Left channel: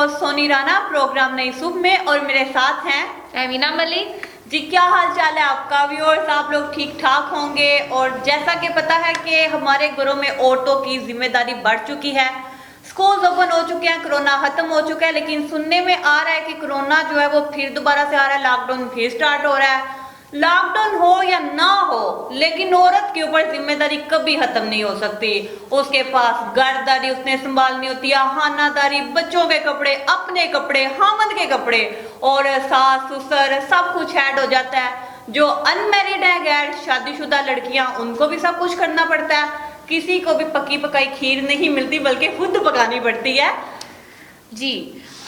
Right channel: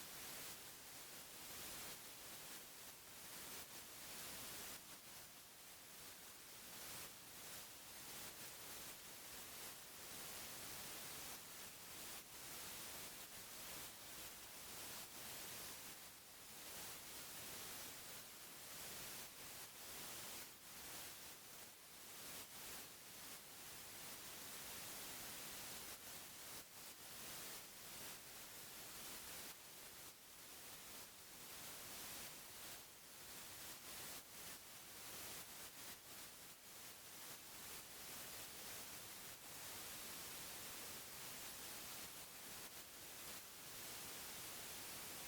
Host Soni Rana programme नई सुबह में, और मेरे साथ हैं अमीना मलिक जी। क्या हाल चाल है आपका व्यूअर्स? आप लोग ठीक ठाक होंगे। और जैसा कि पता है कि हमारे घरों में औरतों की जिम्मेदारी बढ़ चुकी है, स्कूल ओपन हो चुके हैं, कोरोना खत्म हो चुका है, लेकिन सुनने में आ रहा है कि कोरोना जो है वो फिर दोबारा से आ रहा है, लॉकडाउन फिर स्टार्ट हो रहा है। लॉकडाउन हो या ना हो, लेकिन औरत के ऊपर जिम्मेदारी कभी खत्म नहीं हो सकती। उसके पास घरदारी उसने संभालनी होती है, खानादारी, बच्चों के कपड़े, अपने कपड़े, हामद के कपड़े, और सास ससुर सब कुछ ऐड हो जाता है। जो अनमैरिड है, गैर शादीशुदा लड़कियां, उनको भी सब कुछ करना पड़ता है। किसी को भी पकी पकाई खीर नहीं मिलती, बल्कि खुद पकानी पड़ती है। जी।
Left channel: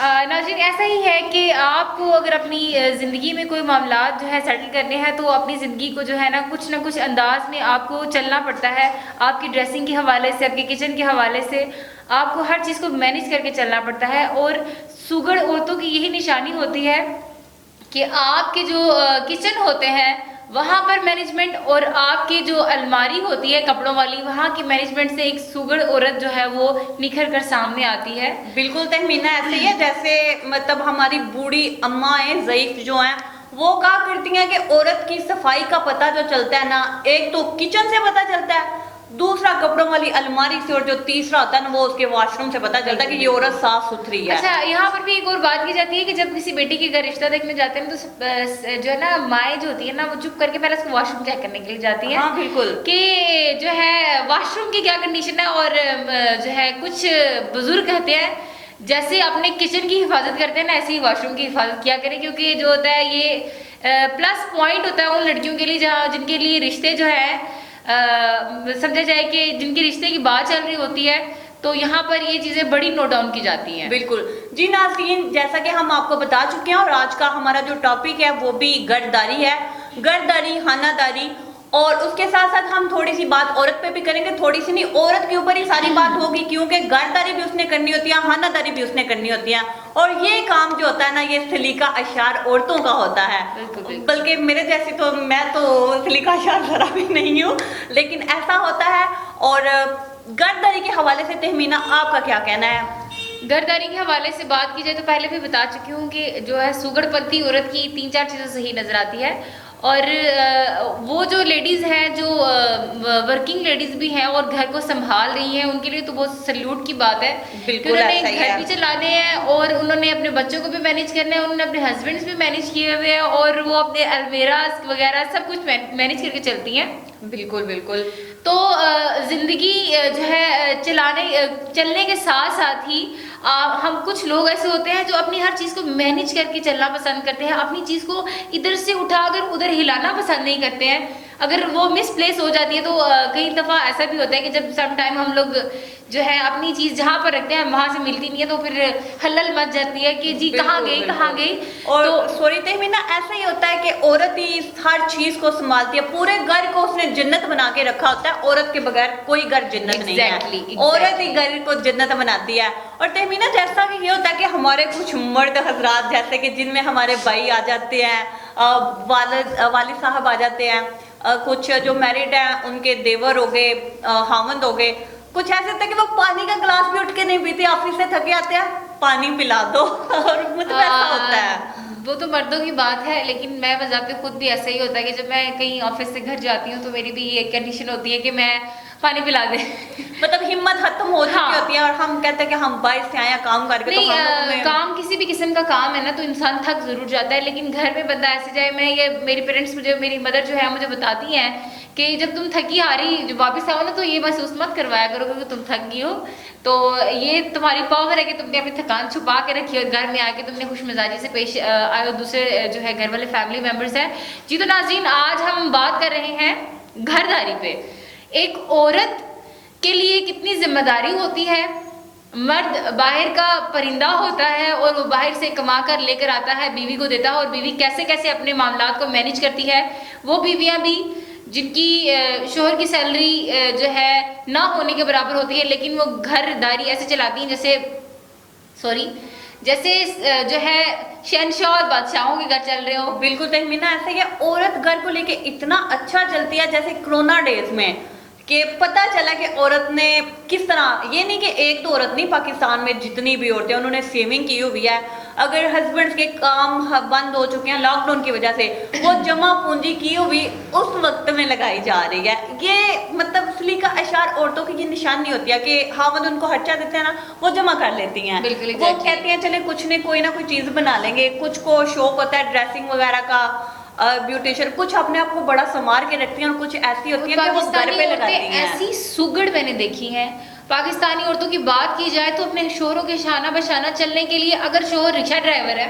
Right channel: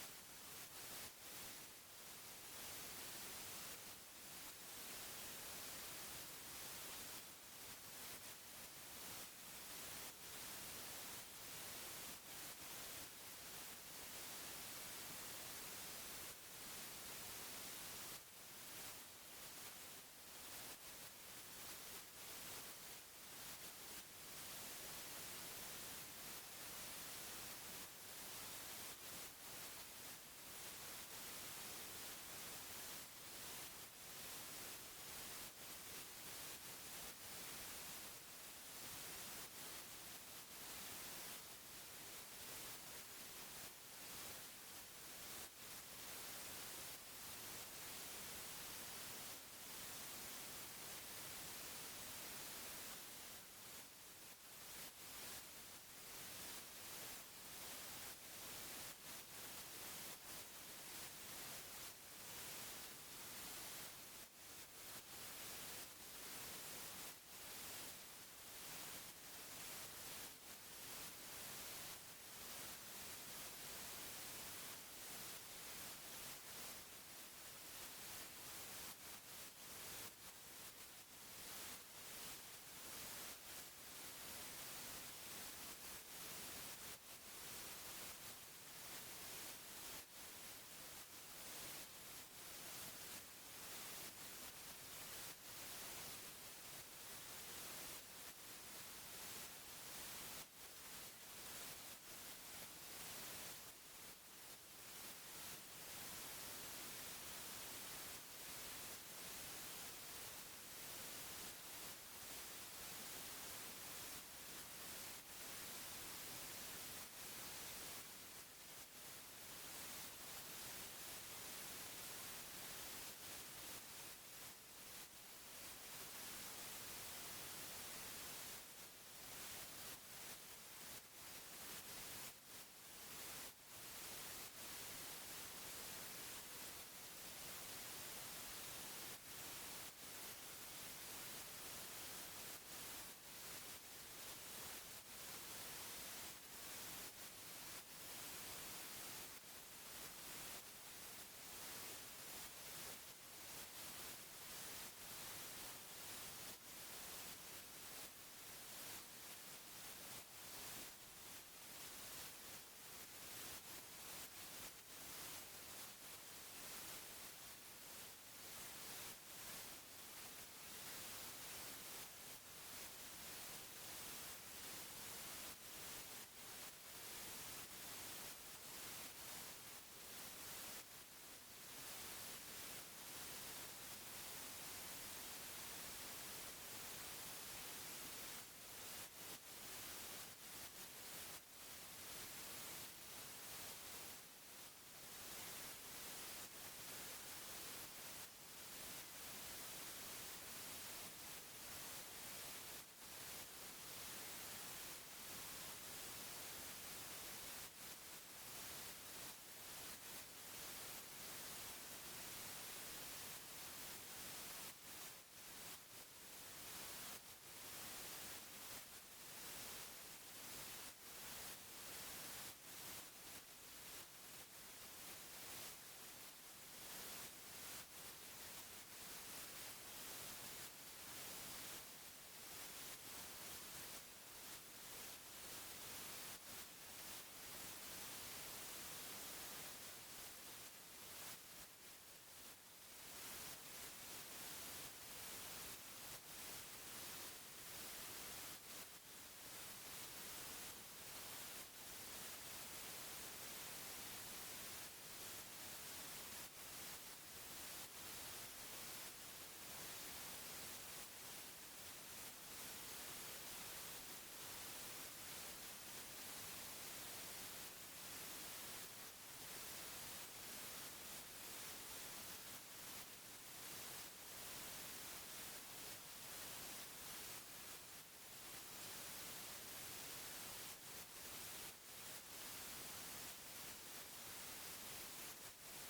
नाज़रीन, ऐसा ही है कि आपको अगर अपनी ज़िंदगी में कोई मामला जो है सेटल करने हैं, तो अपनी ज़िंदगी को जो है ना कुछ अंदाज में आपको चलना पड़ता है। आपकी ड्रेसिंग के हवाले से, आपके किचन के हवाले से आपको हर चीज़ को मैनेज करके चलना पड़ता है। और सुगड़ औरतों की यही निशानी होती है कि आपके जो किचन होते हैं वहाँ पर मैनेजमेंट, और आपकी जो अलमारी होती है कपड़ों वाली, वहाँ की मैनेजमेंट से एक सुगड़ औरत जो है वो निखर कर सामने आती है। बिल्कुल तहमीना ऐसे ही है, जैसे मतलब हमारी बूढ़ी अम्माएं ज़ईफ जो हैं वो क्या करती हैं कि औरत की सफाई का पता जो चलता है ना, एक तो किचन से पता चलता है, दूसरा कपड़ों वाली अलमारी से, और जो तीसरा होता है ना वो उसके वॉशरूम से पता चलता है कि ये औरत साफ सुथरी है। अच्छा, यहाँ पर भी एक और बात की जाती है कि जब किसी बेटी के घर रिश्ता देखने जाते हैं तो जो है ना माएँ जो होती है ना वो चुप करके पहले उसको वॉशरूम चेक करने के लिए जाती है। हाँ बिल्कुल, कि जो है वॉशरूम की क्या कंडीशन है। और जो है कुछ बुजुर्ग कहते हैं जैसे अपने किचन की हिफाजत करते हैं ना, ऐसे ही वॉशरूम की हिफाजत किया करें, क्योंकि जो होता है ये प्लस पॉइंट होता है उन लड़कियों के लिए जहाँ जिनके लिए रिश्ते जो है समझा जाए कि जिनके रिश्ते की बात चल रही होती है, तो यहाँ पर ये चीजें बड़ी नोट डाउन की जाती हैं। बिल्कुल जी नाज़रीन, जैसा कि हम आपको बता चुके हैं, और आज का हमारा जो टॉपिक है वो भी गर्दारी है। गर्दारी, खानादारी, और उसके साथ साथ हम थोड़ी सी बात औरत पे भी करेंगे। थोड़ी सी नहीं, औरत के ऊपर ही सारी बात होगी, क्योंकि गर्दारी भी उसने करनी होती है, खानादारी भी उसने करनी होती है। और ये काम जो होता है ना, ये सलीका अशार औरतों का होता है। बल्कि मेरे जैसी तो, मैं तो सलीका अशार जरा भी नहीं हूँ, लेकिन ऐसा होता है। और गर्दारी के हवाले से तहमीना आपका क्या कहना है? गर्दारी के हवाले से बात की जाए तो पहले भी बता चुकी हूँ कि जो है सुगड़पंती औरत की 3-4 चीज़ें सही नजर आती है। और वो जो लेडीज़ हैं जो वर्किंग लेडीज़ भी हैं और घर को संभाल रही हैं, उनके लिए तो बहुत सल्यूट की बात है। बिल्कुल, उन्होंने ऐसा ही घर भी चलाने हैं, और उन्होंने अपने बच्चों को भी मैनेज करना है, उन्होंने अपने हस्बैंड्स भी मैनेज किए हुए हैं, और वो अपने अलमेराज वगैरह सब कुछ मैनेज करके चलती हैं। बिल्कुल बिल्कुल। तो ज़िंदगी जो है चलने के साथ साथ ही हम कुछ लोग ऐसे होते हैं जो अपनी हर चीज़ को मैनेज करके चलना पसंद करते हैं, अपनी चीज़ को इधर से उठाकर उधर हिलाना पसंद नहीं करते हैं। अगर वो मिसप्लेस हो जाती है तो कई दफ़ा ऐसा भी होता है कि जब सम टाइम हम लोग जो है अपनी चीज़ जहाँ पर रखते हैं वहाँ से मिलती नहीं है, तो फिर हलल मच जाती है कि जी कहाँ गई कहाँ गई। और तो सॉरी तहमीना, ऐसा ही होता है कि औरत ही हर चीज को संभालती है, पूरे घर को उसने जन्नत बना के रखा होता है। औरत के बगैर कोई घर जन्नत नहीं है। Exactly. औरत ही घर को जन्नत बनाती है। और तहमीना, जैसा कि ये होता है कि हमारे कुछ मर्द हजरात, जैसे कि जिनमें हमारे भाई आ जाते हैं, वालिद साहब आ जाते हैं, कुछ जो मैरिड हैं उनके देवर हो गए, हामंद हो गए, कुछ ऐसे होता है कि वो पानी का गिलास भी उठ के नहीं पीते, ऑफिस से थके आते हैं, पानी पिला दो। और मतलब ऐसा होता है। वो तो मर्दों की बात है, लेकिन मैं बजाते खुद भी ऐसा ही होता है कि जब मैं कहीं ऑफिस से घर जाती हूँ तो मेरी भी ये कंडीशन होती है कि मैं पानी पिला दे। मतलब हिम्मत खत्म हो चुकी होती है, और हम कहते हैं कि हम बाहर से आए काम करके, तो नहीं, काम किसी भी किस्म का काम है ना तो इंसान थक जरूर जाता है, लेकिन घर में बंदा ऐसे जाए, मैं ये मेरी पेरेंट्स मुझे, मेरी मदर जो है मुझे बताती हैं कि जब तुम थकी हारी वापस आओ ना तो ये महसूस मत करवाया करो कि तुम थक गई हो, तो ये तुम्हारी पावर है कि तुमने अपनी थकान छुपा के रखी और घर में आके तुमने खुश मिजाजी से पेश आए हो दूसरे जो है घर वाले फैमिली मेम्बर्स हैं। जी तो नाज़रीन, आज हम बात कर रहे हैं घरदारी पे। एक औरत के लिए कितनी जिम्मेदारी होती है। मर्द बाहर का परिंदा होता है और वो बाहर से कमा कर लेकर आता है, बीवी को देता है, और बीवी कैसे कैसे अपने मामलात को मैनेज करती है। वो बीवियां भी जिनकी शोहर की सैलरी जो है ना होने के बराबर होती है, लेकिन वो घरदारी ऐसे चलाती हैं जैसे जो है शहनशाह और बादशाहों के घर चल रहे हो। बिल्कुल तहमीना, ऐसा ही है। औरत घर को लेके इतना अच्छा चलती है, जैसे कोरोना डेज में कि पता चला कि औरत ने किस तरह, ये नहीं कि एक तो औरत नहीं, पाकिस्तान में जितनी भी औरतें उन्होंने सेविंग की हुई है। अगर हस्बैंड के काम बंद हो चुके हैं लॉकडाउन की वजह से, वो जमा पूंजी की हुई उस वक्त में लगाई जा रही है। ये मतलब सलीका अशार औरतों की ये निशानी होती है कि हावंद उनको खर्चा देते हैं ना, वो जमा कर लेती हैं। बिल्कुल, वो exactly। कहती हैं चले कुछ नहीं, कोई ना कोई चीज बना लेंगे। कुछ को शौक होता है ड्रेसिंग वगैरह का, ब्यूटिशियन, कुछ अपने आप को बड़ा संवार के रखती हैं और कुछ ऐसी होती है कि वो घर पाकिस्तानी पे लगाती औरतें हैं। ऐसी सुगड़ मैंने देखी हैं। पाकिस्तानी औरतों की बात की जाए तो अपने शोहरों के शाना बशाना चलने के लिए, अगर शोहर रिक्शा ड्राइवर है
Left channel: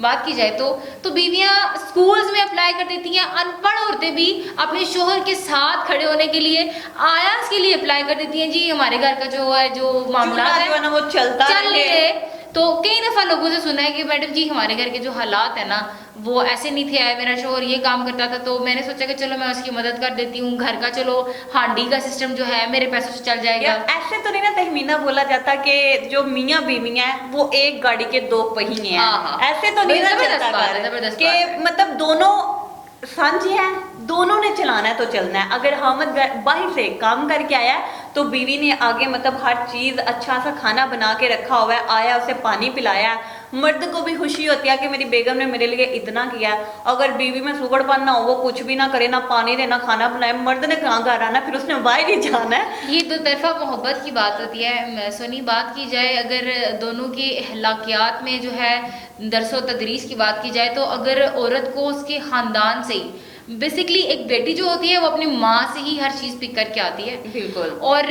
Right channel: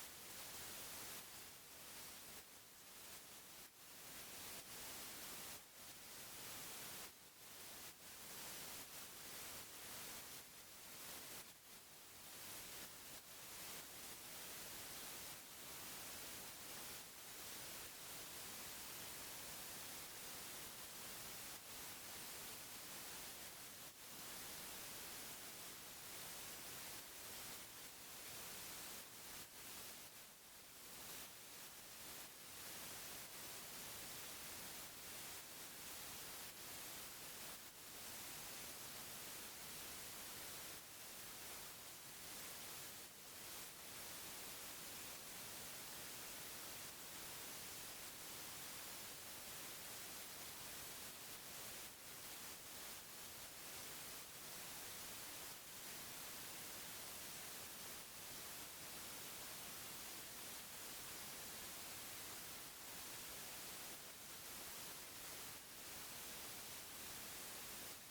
बात की जाए तो बीवियां स्कूल्स में अप्लाई कर देती हैं। अनपढ़ औरतें भी अपने शोहर के साथ खड़े होने के लिए आयास के लिए अप्लाई कर देती हैं। जी हमारे घर का जो है जो मामला चूल्हा है जो है ना वो चलता चल रहे। रहे। तो कई दफा लोगों से सुना है कि मैडम जी हमारे घर के जो हालात है ना वो ऐसे नहीं थे, आए मेरा शोहर ये काम करता था तो मैंने सोचा कि चलो मैं उसकी मदद कर देती हूँ, घर का चलो हांडी का सिस्टम जो है मेरे पैसों से चल जाएगा। यार ऐसे तो नहीं ना तहमीना बोला जाता कि जो मियाँ बीवी हैं वो एक गाड़ी के दो पहिए हैं। हाँ, हाँ। ऐसे तो नहीं ना जबरदस्त चलता बात है, घर जबरदस्त कि बात है। मतलब दोनों सांझे हैं, दोनों ने चलाना है तो चलना है। अगर हामद बाहर से काम करके आया है तो बीवी ने आगे मतलब हर चीज अच्छा सा खाना बना के रखा हुआ है, आया उसे पानी पिलाया है। मर्द को भी खुशी होती है कि मेरी बेगम ने मेरे लिए इतना किया है। अगर बीवी में सुगड़पन ना हो, वो कुछ भी ना करे, ना पानी दे ना खाना बनाए, मर्द ने कहाँ घर आना, फिर उसने बाहर ही जाना है। ये दो तरफा मोहब्बत की बात होती है। सोनी बात की जाए अगर दोनों के अखलाकियात में जो है दरसो तदरीस की बात की जाए तो अगर औरत को उसके खानदान से ही बेसिकली एक बेटी जो होती है वो अपनी माँ से ही हर चीज पिक करके आती है। बिल्कुल। और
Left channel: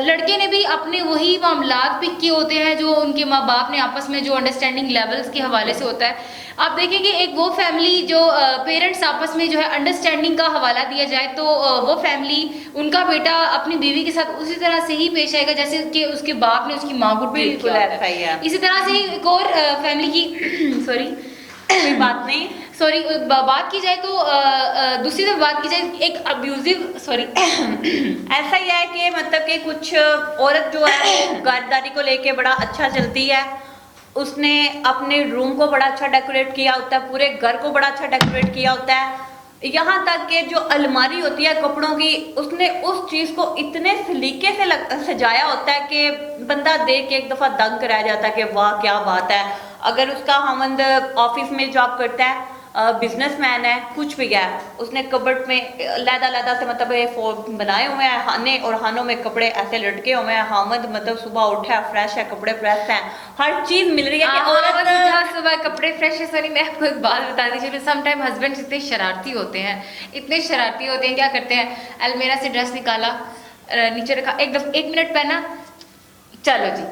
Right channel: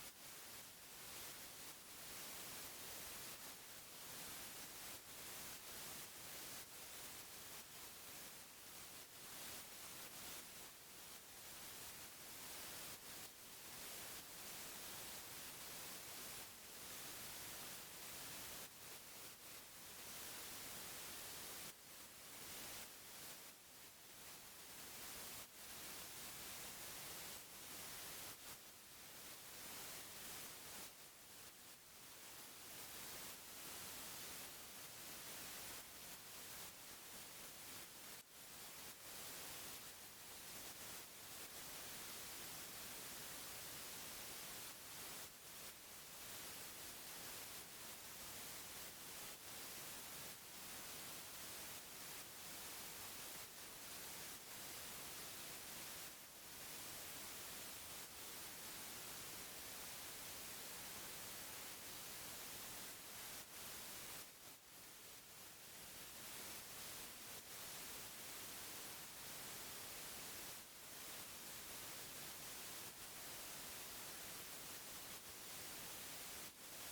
लड़के ने भी अपने वही मामलात पिक किए होते हैं जो उनके माँ बाप ने आपस में जो अंडरस्टैंडिंग लेवल्स के हवाले से होता है। आप देखेंगे एक वो फैमिली जो पेरेंट्स आपस में जो है अंडरस्टैंडिंग का हवाला दिया जाए तो वो फैमिली उनका बेटा अपनी बीवी के साथ उसी तरह से ही पेश आएगा जैसे कि उसके बाप ने उसकी माँ को ट्रीट बिल्कुल किया ऐसा ही है। इसी तरह से एक और फैमिली की सॉरी कोई बात नहीं। सॉरी बात की जाए तो दूसरी तरफ बात की जाए एक अब्यूजिव सॉरी ऐसा ही है कि मतलब कि कुछ औरत जो है वो घरदारी को लेके बड़ा अच्छा चलती है। उसने अपने रूम को बड़ा अच्छा डेकोरेट किया होता है, पूरे घर को बड़ा अच्छा डेकोरेट किया होता है। यहाँ तक कि जो अलमारी होती है कपड़ों की, उसने उस चीज को इतने सलीके से सजाया होता है कि बंदा देख के एक दफा दंग रह जाता है कि वाह क्या बात है। अगर उसका हमंद ऑफिस में जॉब करता है, बिजनेसमैन है, कुछ भी है, उसने कबर्ड में लैदा से मतलब बनाए हुए हैं खाने, और खानों में कपड़े ऐसे लटके हुए हैं। हामद मतलब सुबह उठा है, फ्रेश है, कपड़े प्रेस हैं, हर चीज मिल रही है कि औरत सुबह कपड़े फ्रेश है। सॉरी मैं आपको एक बात बता दी चलो, सम टाइम हस्बैंड इतने शरारती होते हैं, इतने शरारती होते हैं, क्या करते हैं अलमीरा से ड्रेस निकाला नीचे रखा, एक मिनट पहना, चलो जी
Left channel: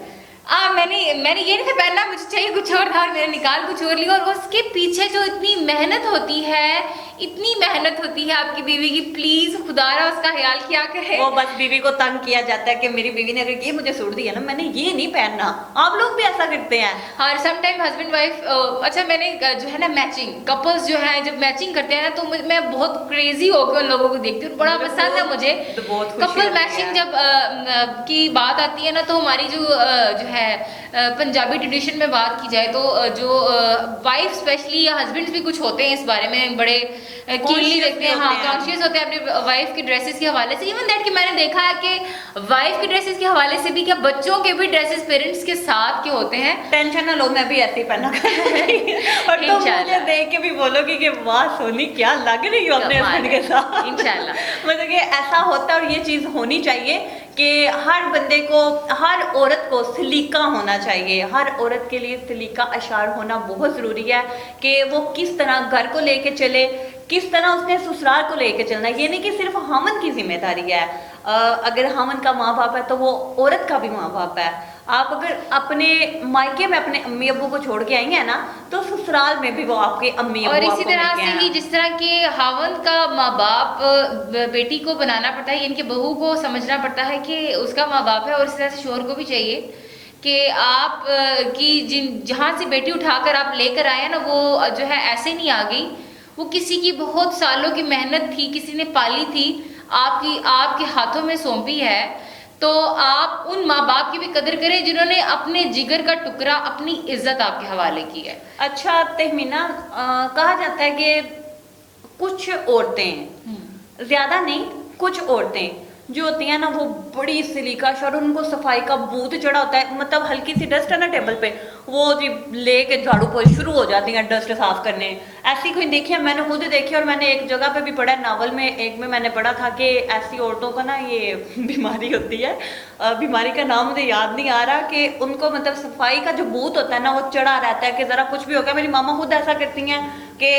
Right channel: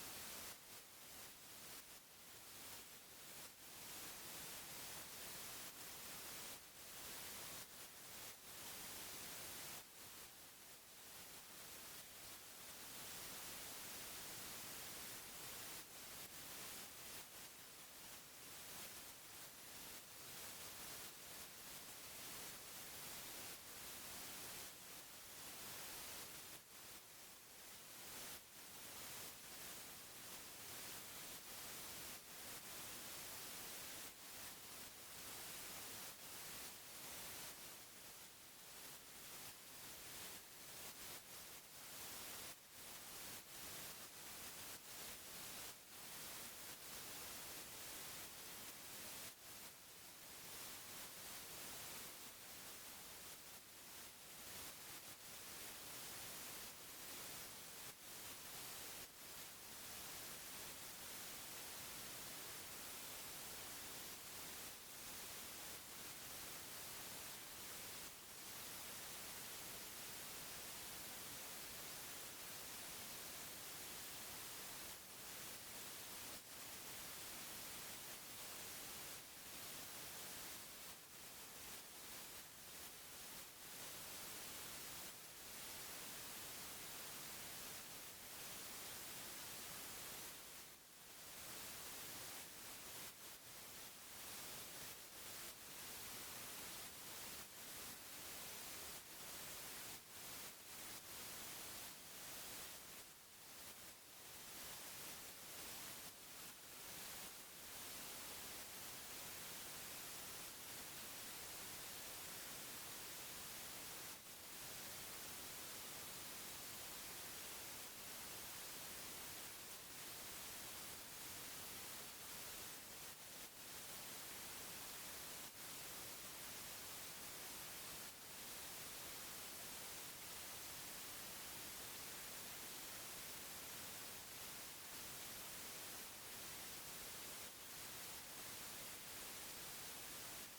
मैंने ये नहीं पहनना, मुझे चाहिए कुछ और था, मैंने निकाल कुछ और लिया। और उसके पीछे जो इतनी मेहनत होती है, इतनी मेहनत होती है आपकी बीवी की, प्लीज खुदारा उसका ख्याल किया करे। वो बस बीवी को तंग किया जाता है कि मेरी बीवी ने अगर ये मुझे सूट दिया ना, मैंने ये नहीं पहनना। आप लोग भी ऐसा करते हैं। और सम टाइम हस्बैंड वाइफ अच्छा मैंने जो है ना मैचिंग कपल्स जो है जब मैचिंग करते हैं ना तो मैं बहुत क्रेजी होकर उन लोगों को देखती हूँ, बड़ा पसंद है मुझे कपल मैचिंग। जब की बात आती है ना तो हमारी जो है पंजाबी ट्रेडिशन में बात की जाए तो जो वाइफ स्पेशली या हस्बैंड्स भी कुछ होते हैं इस बारे में बड़े कीनली देखते हैं, हाँ कॉन्शियस होते हैं अपने वाइफ की ड्रेसेस के हवाले से। इवन दैट कि मैंने देखा है कि वाइफ की ड्रेसेस के हवाले से भी क्या बच्चों के भी ड्रेसेस पेरेंट्स के साथ के होते हैं। टेंशन ना लो, मैं भी ऐसे ही पहना करूंगी और तुम मुझे देख के भी बोलोगी कि वाह सोनी क्या लग रही हो अपने हस्बैंड के साथ। इंशाल्लाह मतलब कि ऐसा होता है और ये चीज होनी चाहिए कि हर बंदे को, हर औरत को सलीका होना चाहिए। हर औरत के लिए सलीका अशार होना बहुत ज़रूरी है कि वो किस तरह घर को लेके चले, किस तरह उसने ससुराल को लेके चलना है। ये नहीं कि सिर्फ हामन की जिम्मेदारी है। अगर हामन का माँ बाप है तो वो औरत का भी माँ बाप है। आप अगर अपने मायके में अपने अम्मी अब्बू को छोड़ के आई हैं ना तो ससुराल में भी वो आपके अम्मी अब्बू और इसी तरह से ही जिस तरह के हावंद का माँ बाप बेटी को बनाना पड़ता है, इनके बहू को समझना पड़ता है कि उसका माँ बाप है, और इसी तरह से शोहर को भी चाहिए कि आप की जहाँ से बेटी उठाकर आप लेकर आए ना वो जो है ऐसे नहीं आ गई, वो किसी की बहुत सालों की मेहनत थी, किसी ने पाली थी, आपके हाथों में सौंपी है। तो आप उन माँ बाप की भी कदर करें जिन्होंने अपने जिगर का टुकड़ा, अपनी इज्जत आपके हवाले की है। अच्छा तहमीना, कहा जाता है कि कुछ औरतें, ज्यादा नहीं कुछ औरतें जो होती है ना वो बड़ी सिलिकश और उनको सफाई का भूत चढ़ा होता है, मतलब हल्की सी डस्ट है ना टेबल पे, वो जी लेके झाड़ू पोछ शुरू हो जाती हैं डस्ट साफ करने। ऐसी कोई देखी है, मैंने खुद देखी, और मैंने एक जगह पे भी पढ़ा है, नावल में एक में मैंने पढ़ा था कि ऐसी औरतों का ना ये बीमारी होती है, बीमारी का नाम मुझे याद नहीं आ रहा, कि उनको मतलब सफाई का जो भूत होता है ना वो चढ़ा रहता है कि जरा कुछ भी हो गया। मेरी मामा खुद ऐसा करती हैं कि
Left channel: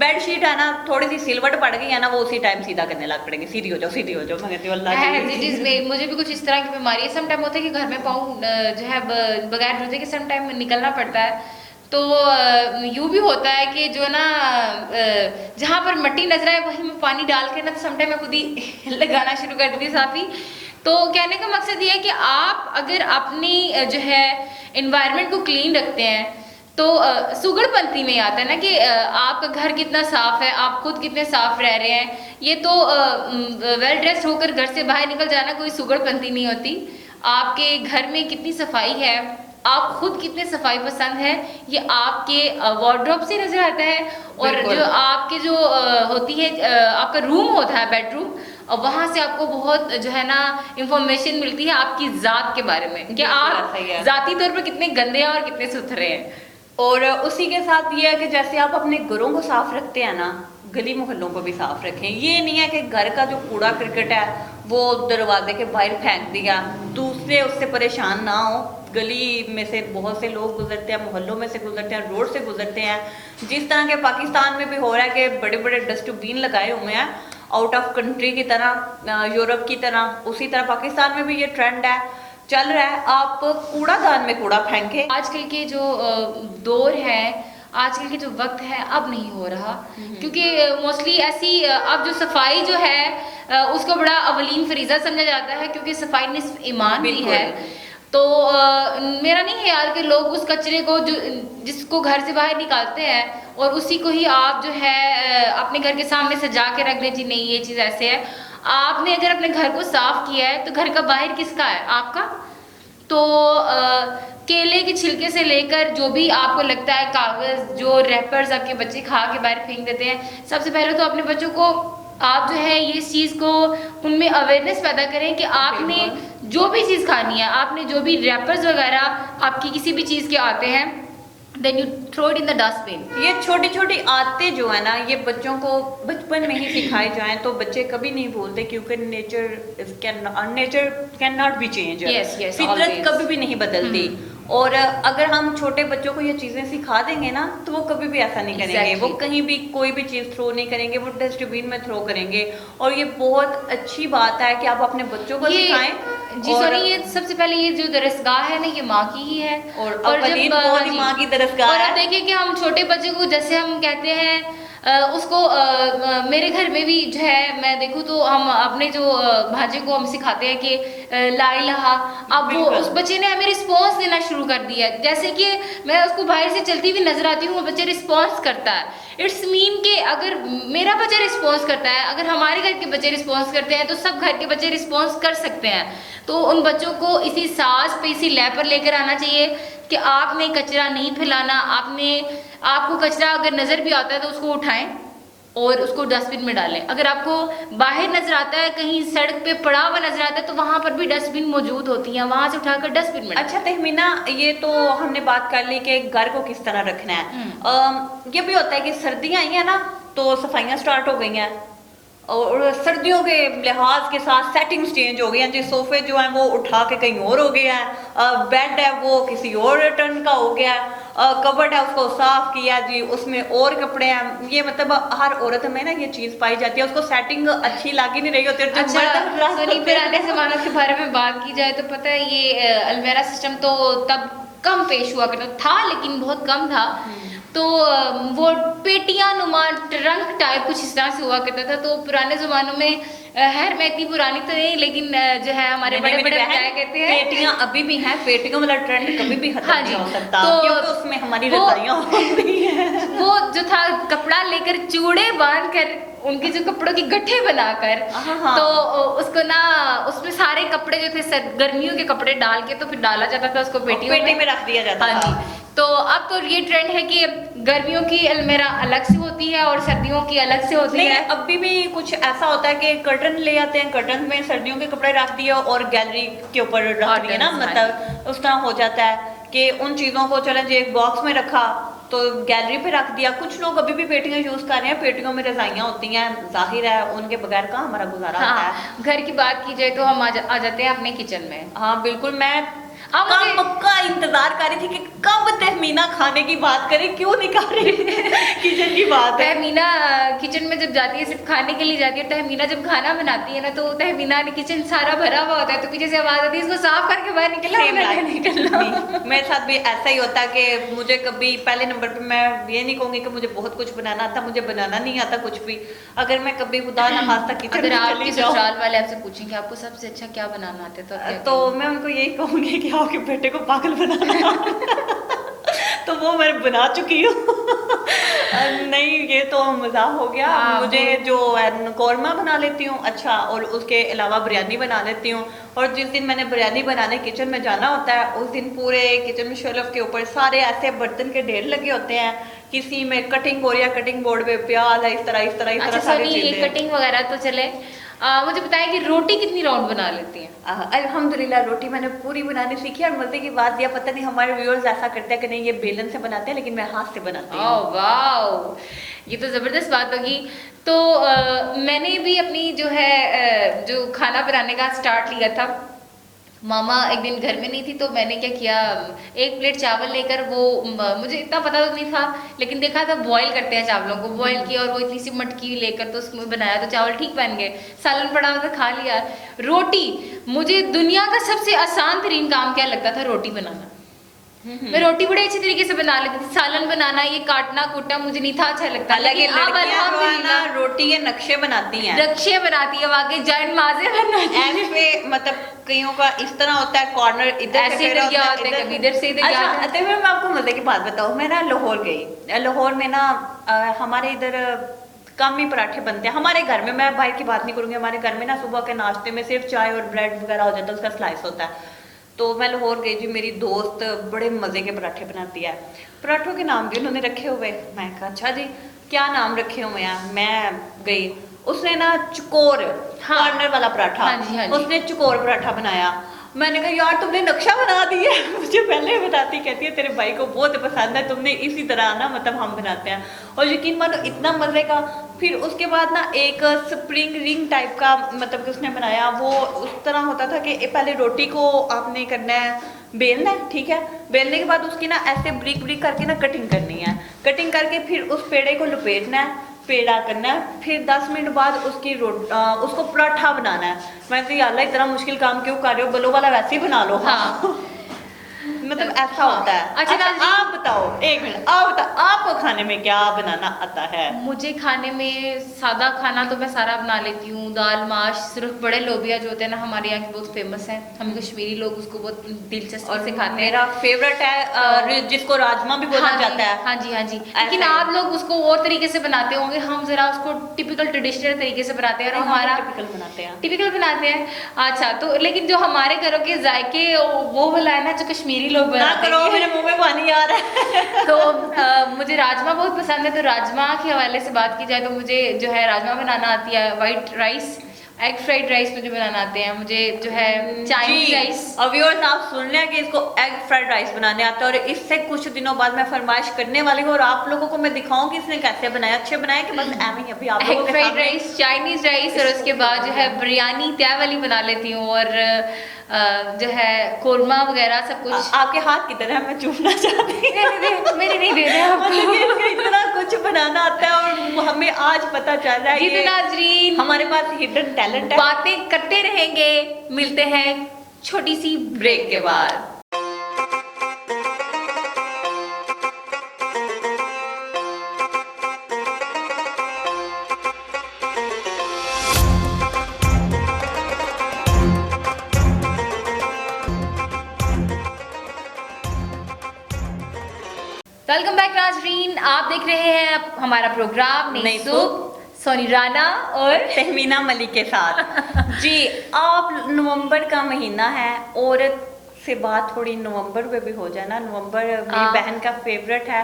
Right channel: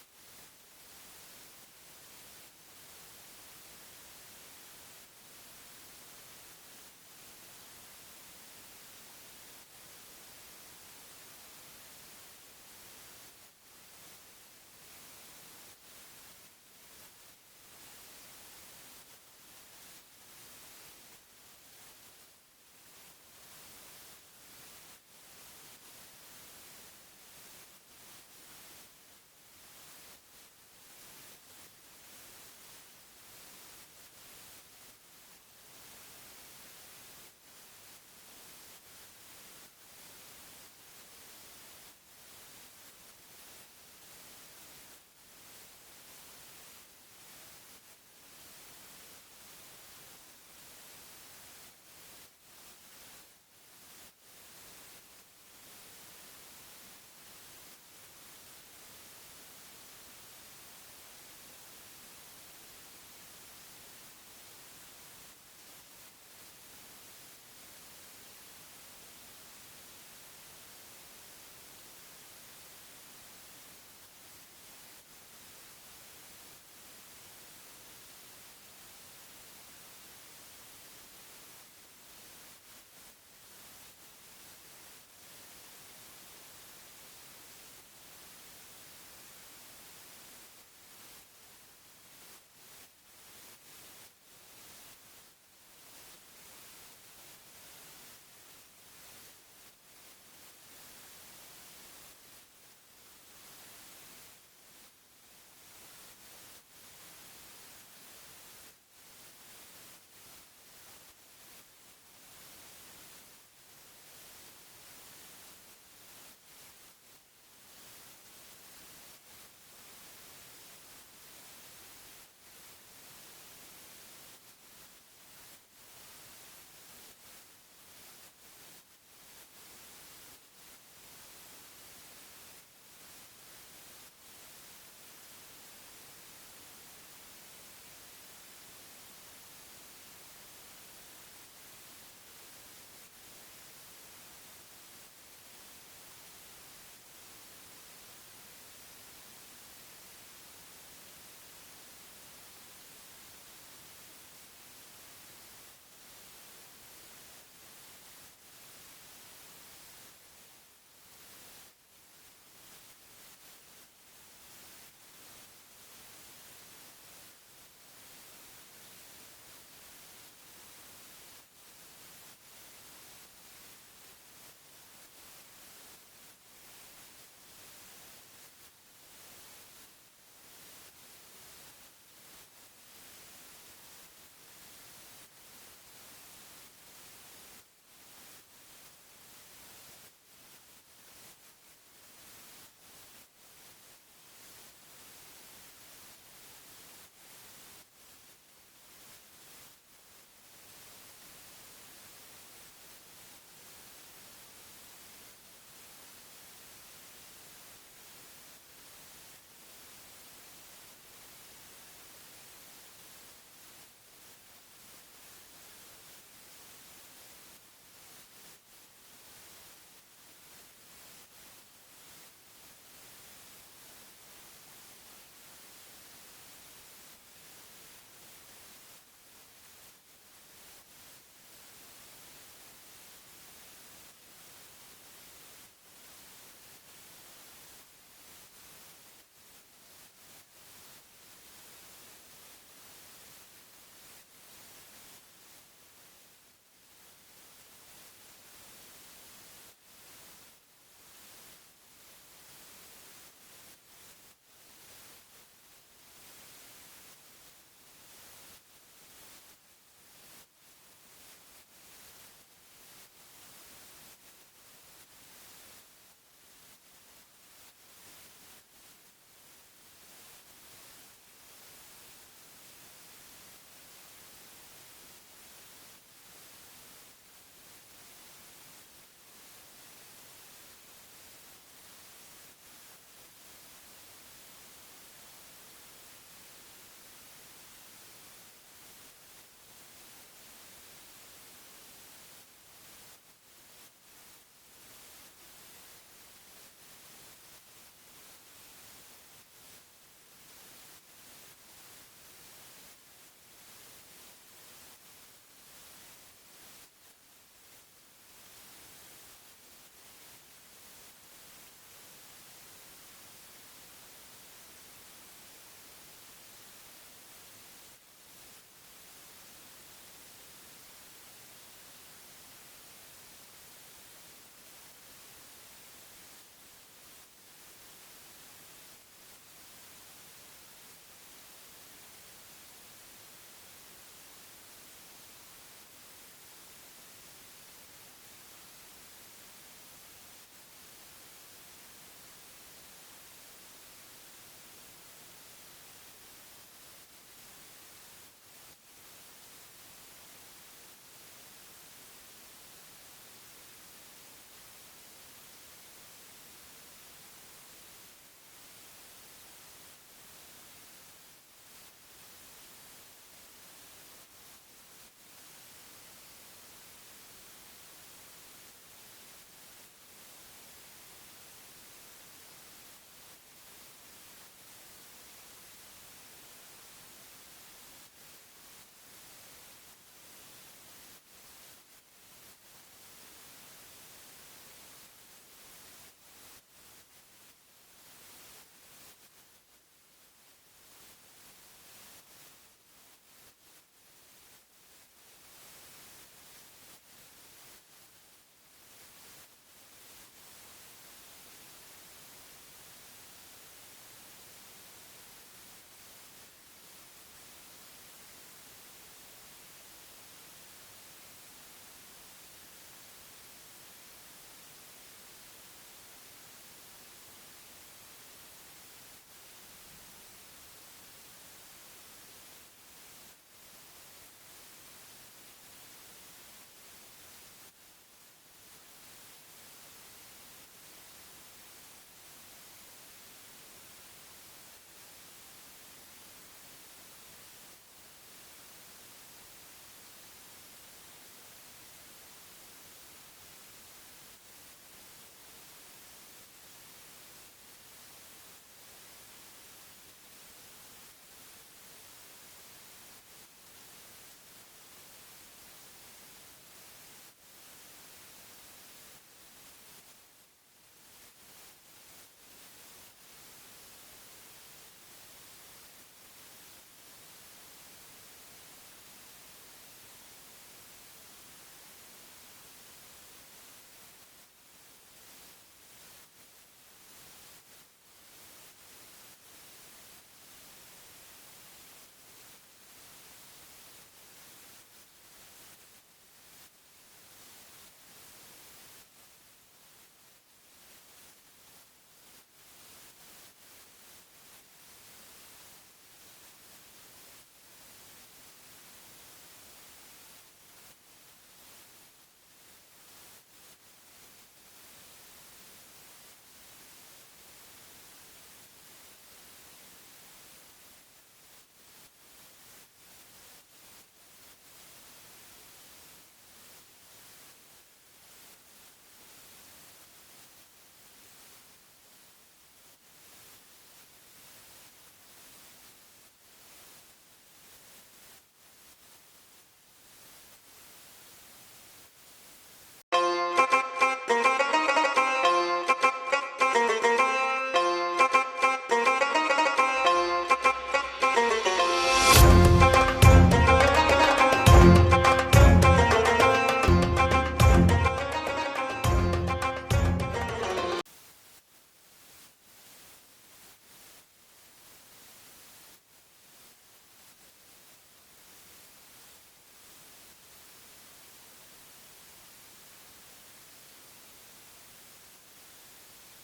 बेडशीट है ना थोड़ी सी सिलवट पड़ गई है ना, वो उसी टाइम सीधा करने लग पड़ेंगे, सीधी हो जाओ सीधी हो जाओ। मैं कहती हूँ अल्लाह जी। मुझे भी कुछ इस तरह की बीमारी है। सम टाइम होता है कि घर में पाँव जो है बगैर जूते के सम टाइम निकलना पड़ता है, तो यूं भी होता है कि जो ना जहाँ पर मट्टी नजर आए वहीं में पानी डाल के ना, तो सम टाइम मैं खुद ही लगाना शुरू कर देती हूँ साफी। तो कहने का मकसद ये है कि आप अगर अपनी जो है इन्वायरमेंट को क्लीन रखते हैं तो सुगड़पंथी में आता है ना कि आपका घर कितना साफ है, आप खुद कितने साफ रह रहे हैं। ये तो वेल ड्रेस्ड होकर घर से बाहर निकल जाना कोई सुगड़पंथी नहीं होती। आपके घर में कितनी सफाई है, आप खुद कितने सफाई पसंद है, ये आपके वार्डरोब से नजर आता है। और जो आपके जो होती है आपका रूम होता है बेडरूम, और वहां से आपको बहुत जो है ना इंफॉर्मेशन मिलती है आपकी जात के बारे में कि आप जाती तौर पर कितने गंदे हैं और कितने सुथरे हैं। और उसी के साथ ये है कि जैसे आप अपने घरों को साफ रखते हैं ना, गली मोहल्लों को भी साफ रखें। ये नहीं है कि घर का जो कूड़ा करकट है वो दरवाजे के बाहर फेंक दिया, दूसरे उससे परेशान ना हो। गली में से बहुत से लोग गुजरते हैं, मोहल्लों में से गुजरते हैं, रोड से गुजरते हैं। जिस तरह के पाकिस्तान में भी हो रहा है कि बड़े बड़े डस्टबिन लगाए हुए हैं आउट ऑफ कंट्री की तरह, यूरोप की तरह, उसी तरह पाकिस्तान में भी ये ट्रेंड है, चल रहा है। आप कूड़ादान में कूड़ा फेंके। आजकल के जो दौर है, आजकल के जो वक्त है, अब नहीं हो रहा, क्योंकि मोस्टली ऐसी अब जो सफाई जो है उसको बड़ा अवलीन फरीजा समझा जाता है, क्योंकि सफाई निस्फ ईमान भी है। तो मेरा नहीं ख्याल कि लोग उस कचरे को जो जिसको घर से बाहर निकालते हैं और उसी को ही आप जो है अपने घर के सामने सजा के रख दें जी नहीं ये चीज़ ऐसे है। आपने अगर अपने घर को साफ किया है तो घर का बाहर किसका है? आपका। तो केले के छिलके से लेकर जो भी आपको लगता है कागज, जो रैपर्स आपके बच्चे खा के बाहर फेंक देते हैं, सबसे पहले तो अपने बच्चों को आप जो है ये इस चीज़ को उनमें अवेयरनेस पैदा करें कि आपने जो भी चीज़ खानी है, आपने जो भी रैपर्स वगैरह आपकी किसी भी चीज़ के आते हैं, then you throw it in the dustbin. ये छोटी छोटी आदतें जो है ना, ये बच्चों को बचपन में ही सिखाई जाएं तो बच्चे कभी नहीं भूलते, क्योंकि nature can not be change. फितरत कभी भी नहीं बदलती। और अगर हम छोटे बच्चों को ये चीजें सिखा देंगे ना तो वो कभी भी ऐसा नहीं करेंगे। वो कहीं भी कोई भी चीज थ्रो नहीं करेंगे, वो डस्टबिन में थ्रो करेंगे। और ये बहुत अच्छी बात है कि आप अपने बच्चों को सिखाएं। जी सॉरी, ये सबसे पहले ये जो दरसगाह है ना, ये माँ की ही है। और जब माँ की दरसगाह और अब देखिए कि हम छोटे बच्चे को जैसे हम कहते हैं उसको मेरे घर में भी जो है मैं देखूँ तो हम अपने जो भांजे को हम सिखाते हैं कि ला इलाहा। अब वो उस बच्चे ने हमें रिस्पॉन्स देना शुरू कर दिया है। जैसे कि मैं उसको बाहर से चलती हुई नजर आती हूँ, वो बच्चे रिस्पॉन्स करता है। इट्स मीन कि अगर मेरा बच्चा रिस्पॉन्स करता है, अगर हमारे घर के बच्चे रिस्पॉन्स करते हैं, तो सब घर के बच्चे रिस्पॉन्स कर सकते हैं। तो उन बच्चों को इसी सांस पे, इसी लय पर लेकर आना चाहिए कि आपने कचरा नहीं फैलाना। आपको कचरा अगर नजर भी आता है तो उसको उठाएं और उसको डस्टबिन में डालें। अगर आपको बाहर नजर आता है, कहीं सड़क पे पड़ा हुआ नजर आता है, तो वहां पर भी डस्टबिन मौजूद होती है, वहां से उठाकर डस्टबिन में। अच्छा तहमीना, ये तो हमने बात कर ली कि घर को किस तरह रखना है। ये भी होता है कि सर्दियां आई है ना तो सफाइयां स्टार्ट हो गई हैं, और सर्दियों के लिहाज के साथ सेटिंग्स चेंज हो गई हैं जी। सोफे जो हैं वो उठा के कहीं और हो गए हैं, बेड है वो किसी और टर्न का हो गया है, कबर्ड है उसको साफ किया जी, उसमें और कपड़े हैं। ये मतलब हर औरत में ना ये चीज पाई जाती है, उसको सेटिंग अच्छी लगी नहीं रही होती। अच्छा सोनी, पुराने जमानों के बारे में बात की जाए तो पता है ये अलमेरा सिस्टम तो तब कम पेश हुआ करता था, लेकिन बहुत कम था। तो वो पेटियां नुमा ट्रंक टाइप कुछ इस तरह से हुआ करता था। तो पुराने जमानों में खैर मैं इतनी पुरानी तो नहीं, लेकिन जो है हमारे बड़े बड़े बताया करते हैं पेटियां अभी भी हैं। पेटियों वाला ट्रेंड कभी भी खत्म नहीं हो सकता, तो क्योंकि उसमें हमारी रजाइयां होती हैं। वो जो था कपड़ा लेकर चूड़े बांध कर उनके जो कपड़ों की गट्ठे बनाकर, तो उसको ना उसमें सारे कपड़े जो थे गर्मियों के कपड़े डाल के तो फिर डाला जाता था उसको पेटी में रख दिया जाता था। तो अब तो ये ट्रेंड है कि गर्मियों की अलमीरा अलग से होती है और सर्दियों की अलग से होती नहीं, है। अभी भी कुछ ऐसा होता है कि कर्टन ले आते हैं, कर्टन में सर्दियों के कपड़े रख दिए और गैलरी के ऊपर रख दिए ना, Curtains, मतलब उस तरह हो जाता है कि उन चीजों को चलें जो एक बॉक्स में रखा तो गैलरी पे रख दिया। कुछ लोग अभी भी पेटियां यूज कर रहे हैं, पेटियों में रजाइयां होती हैं, जाहिर है उनके बगैर का हमारा गुजारा होता है। हाँ, घर की बात की जाए तो हम आ जाते हैं अपने किचन में। हाँ बिल्कुल, मैं अब मुझे- कब का इंतजार कर रही थी कि कब तहमीना खाने की बात करे, क्यों नहीं कर रही किचन की बात है। तहमीना किचन में जब जाती है सिर्फ खाने के लिए जाती है। तहमीना जब खाना बनाती है ना तो तहमीना ने किचन सारा भरा हुआ होता है, तो पीछे से आवाज आती है इसको साफ करके बाहर निकलना। मेरे साथ भी ऐसा ही होता है कि मुझे कभी पहले नंबर पे, मैं ये नहीं कहूंगी कि मुझे बहुत कुछ बनाना आता, मुझे बनाना नहीं आता कुछ भी। अगर मैं कभी खुदा ना खास्ता किचन अगर में आपके चली जाऊं ससुराल वाले आपसे पूछेंगे आपको सबसे अच्छा क्या बनाना आता है तो आप क्या तो मैं उनको यही कहूंगी कि आपके बेटे को पागल बनाना तो वो मैं बना चुकी हूँ नहीं, ये तो मजाक हो गया। हाँ, मुझे जो है कौरमा बना लेती हूँ अच्छा, और उसके अलावा बिरयानी बना लेती हूँ। और जिस दिन मैंने बिरयानी बनाने किचन में जाना होता है उस दिन पूरे किचन में शेल्फ के ऊपर सारे ऐसे बर्तन के ढेर लगे होते हैं, किसी में कटिंग बोर्ड या कटिंग बोर्ड पे प्याज है, इस तरह अच्छा सारी सॉरी, ये चीजें। कटिंग वगैरह तो चले। मुझे बताएं कि रोटी कितनी राउंड बना लेती हैं? अल्हम्दुलिल्लाह रोटी मैंने पूरी बनानी सीखी। और मजे की बात यह, पता नहीं हमारे व्यूअर्स ऐसा करते हैं कि नहीं ये बेलन से बनाते हैं, लेकिन मैं हाथ से बनाती हूँ। ओह वाओ, ये तो जबरदस्त बात होगी। तो मैंने भी अपनी जो है जो खाना बनाने का स्टार्ट लिया था, मामा एक दिन घर में नहीं थी तो मैंने क्या किया, एक प्लेट चावल लेकर, वो मुझे इतना पता तो नहीं था लेकिन देखा था बॉईल करते हैं चावलों को, बॉईल किया और वो इतनी सी मटकी लेकर तो उसमें बनाया तो चावल ठीक बन गए। सालन पड़ा हुआ था खा लिया। रोटी, मुझे दुनिया का सबसे आसान तरीन काम क्या लगता था, रोटी बनाना। मैं रोटी बड़े अच्छे तरीके से बना लेती थी। सालन बनाना, ये काटना कूटना मुझे नहीं था अच्छा लगता, लेकिन अब अल्हम्दुलिल्लाह रोटी के नक्शे बनाती हैं, नक्शे बनाती है, वाकई जाइन माजे बनाती है। ऐसे मतलब कईयों का इस तरह होता है, कॉर्नर इधर ऐसे इधर गया होता है, कभी इधर से इधर गया होता है। अच्छा, मैं आपको मजे की बात बताऊं, मैं ना लाहौर गई। लाहौर में ना हमारे इधर कम ही पराठे बनते हैं हमारे घर में। मैं बाहर की बात नहीं करूंगी, हमारे घर में ना सुबह के नाश्ते में सिर्फ चाय और ब्रेड वगैरह हो जाता है, उसका स्लाइस होता है। तो मैं लाहौर गई जी, मेरी दोस्त बड़े मजे के पराठे बनाती है। पराठों के नाम भी उन्होंने रखे हुए। मैं कहा अच्छा जी क्या नाम रखे हुए हैं। मैं गई, उसने ना चकोर, हाँ, कॉर्नर वाला पराठा, हाँ जी, हाँ जी। उसने चकोर पराठा बनाया। मैंने कहा यार तुमने नक्शा बना दिया मुझे पहले बताती, कहती है तेरे भाई को बहुत पसंद है, तुमने इसी तरह ना मतलब हम बनाते हैं। और यकीन मानो इतना मजे का। फिर उसके बाद ना एक स्प्रिंग रिंग टाइप का मतलब कि उसने बनाया, वो उस तरह होता था कि पहले रोटी को आपने करना है, बेलना है, ठीक है, बेलने के बाद उसकी ना ऐसे ब्रिक ब्रिक करके ना कटिंग करनी है, कटिंग करके फिर उस पेड़े को लपेटना है, पेड़ा करना है, फिर 10 मिनट बाद उसकी उसको पराठा बनाना है। मैं तो अल्लाह इतना मुश्किल काम क्यों कर रहे हो, बलो वाला वैसे ही बना लो। हाँ मतलब ऐसा होता है। अच्छा, अच्छा आप बताओ, एक मिनट आप बताओ, आपको खाने में क्या बनाना आता है? मुझे खाने में सादा खाना तो मैं सारा बना लेती हूँ। दाल माश, सिर्फ बड़े लोबिया जो होते हैं ना हमारे यहाँ के बहुत फेमस हैं, हम कश्मीरी लोग उसको बहुत दिलचस्पी से खाते हैं। मेरा फेवरेट है जिसको राजमा भी बोला जाता है। हाँ जी हाँ जी, लेकिन आप लोग उसको और तरीके से बनाते होंगे, हम जरा उसको टिपिकल ट्रेडिशनल तरीके से बनाते हैं और हमारा टिपिकल बनाते हैं। टिपिकल बनाते हैं। अच्छा, तो लेकिन जो हमारे घरों के जायके वो वाला है ना जो कश्मीरी लोग ना बनाते करो, हैं। मेरे मुंह में पानी आ रहा है। तो मुझे राजमा बहुत पसंद है, तो राजमा के हवाले से बात की जाए तो मुझे जो है राजमा बनाना आती है, white rice, egg fried rice मुझे बनाना आते हैं, मुझे जो है चाइनीज राइस। अब व्यूअर्स आप सुन लिया कि इसको एग फ्राइड राइस बनाने आता है, और इससे कुछ दिनों बाद मैं फरमाइश करने वाली हूँ और आप लोगों को मैं दिखाऊं कि इसने कैसे बनाया, अच्छे बनाए कि बस एवं ही अभी आप लोगों एग के फ्राइड सामने। राइस, चाइनीज राइस, और उसके बाद जो है बिरयानी तय वाली बना लेती हूँ, और जो है कोरमा वगैरह सब कुछ। आपके हाथ की तरह मैं चूमना चाहती हूँ। मेरे नहीं दे रहे आपको। मतलब कि इसको इतना कुछ बनाना आता है और हमें आज पता चल रहा है जी ये तो नाज़रीन, हमारे पास हिडन टैलेंट है। बातें करते रहेंगे, मिलते हैं छोटी सी ब्रेक के बाद। वेलकम बैक नाज़रीन, आप देख रहे हैं हमारा प्रोग्राम नई सूप, सोनी राना और तहमीना मलिक के साथ। जी, आप नवंबर का महीना है और से बात थोड़ी नवंबर में भी हो जाए ना। नवंबर मेरी हाँ। बहन का फेवरेट है।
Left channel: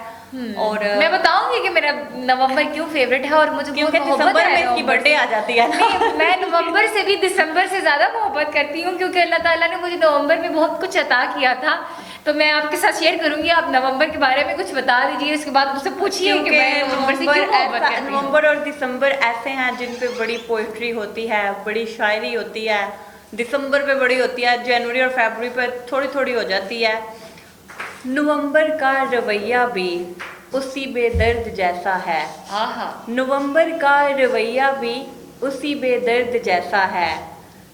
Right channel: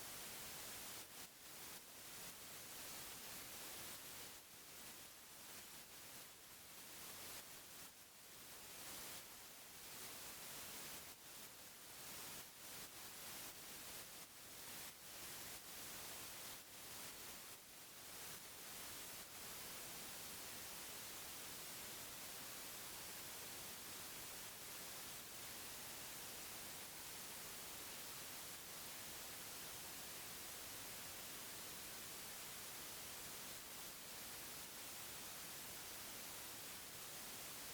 और मैं बताऊंगी कि मेरा नवंबर क्यों फेवरेट है और मुझे क्योंकि बहुत मोहब्बत दिसंबर है में इसकी नवंबर बर्थडे से। आ जाती है ना। नहीं, मैं नवंबर से भी दिसंबर से ज्यादा मोहब्बत करती हूँ क्योंकि अल्लाह ताला ने मुझे नवंबर में बहुत कुछ अता किया था। तो मैं आपके साथ शेयर करूंगी, आप नवंबर के बारे में कुछ बता दीजिए, उसके बाद मुझसे पूछिए कि क्योंकि मैं नवंबर से क्यों मोहब्बत करती हूँ। नवंबर और दिसंबर ऐसे हैं जिन पे बड़ी पोइट्री होती है, बड़ी शायरी होती है। दिसंबर पे बड़ी होती है, जनवरी और फरवरी पे थोड़ी थोड़ी हो जाती है। नवंबर का रवैया भी उसी बेदर्द जैसा है। आहा, नवंबर का रवैया भी उसी बेदर्द जैसा है।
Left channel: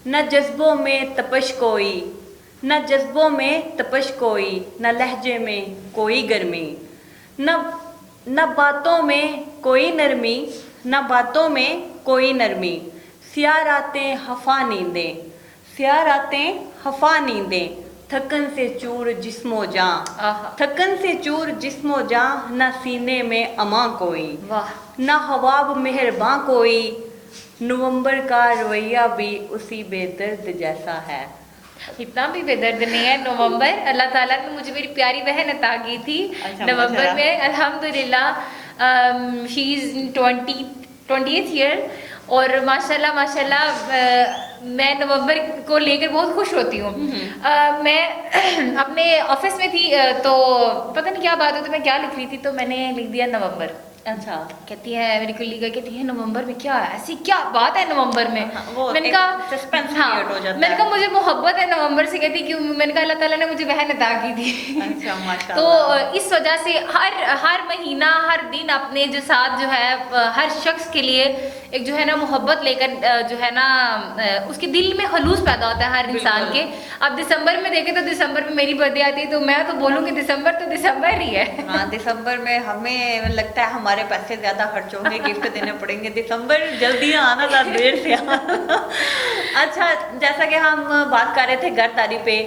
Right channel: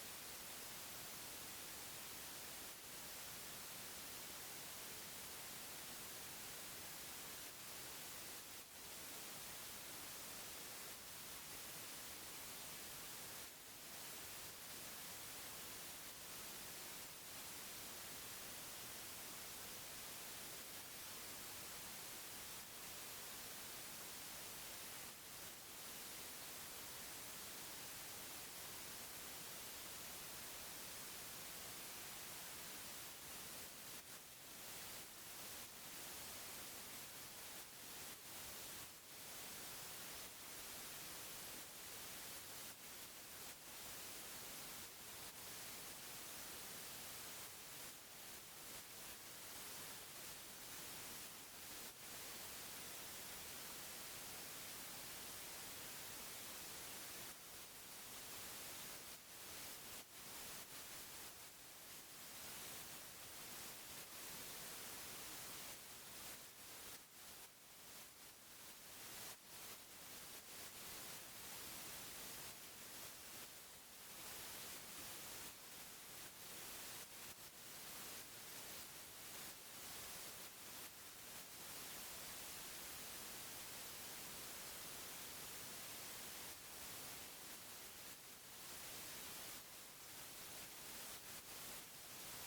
न जज्बों में तपश कोई, न जज्बों में तपश कोई, न लहजे में कोई गर्मी, न न बातों में कोई नरमी, न बातों में कोई नरमी। स्या रातें हफा नींदें, स्या रातें हफा नींदें, थकन से चूर जिस्मो जां, आहा, थकन से चूर जिस्मो जां, न सीने में अमा कोई, वाह, न हवाब मेहरबां कोई। नवंबर का रवैया भी उसी बेदर्द जैसा है। इतना भी बेदर्द नहीं है नवंबर। अल्लाह ताला ने मुझे मेरी प्यारी बहन अता की थी अच्छा, नवंबर माशाल्लाह। में, अल्हम्दुलिल्लाह। She is in 20th year और माशाल्लाह माशाल्लाह मैं नवंबर को लेकर बहुत खुश होती हूँ। मैं अपने ऑफिस में थी तो पता नहीं क्या बात हुई, तो मैं क्या लिख रही थी, तो मैंने लिख दिया नवंबर। अच्छा, कहती है मेरी कुल्ली कहती है नवंबर में क्या है, ऐसी क्या बात है नवंबर में। हाँ, वो मैंने एक कहा suspense हाँ, create हो जाता मैंने है। कहा मुझे मोहब्बत है नवंबर से। कहती क्यों, मैंने कहा अल्लाह ताला ने मुझे बहन अता की थी। अच्छा, तो माशाल्लाह। इस वजह से हर महीना हर दिन अपने जो साथ जो है हर शख्स के लिए एक जो है ना मोहब्बत लेकर जो है ना उसके दिल में खलूस पैदा होता है हर इंसान के। बिल्कुल। अब दिसंबर में देखे तो दिसंबर में मेरी बर्थडे आती है, तो मैं तो बोलूँ कि दिसंबर तो दिसंबर ही है। हाँ, दिसंबर में हमें लगता है हमारे पैसे ज्यादा खर्च होंगे, गिफ्ट देने पड़ेंगे। दिसंबर जल्दी आना था, देर से आना। अच्छा, जैसा कि हम बात कर रहे थे घरदारी पे,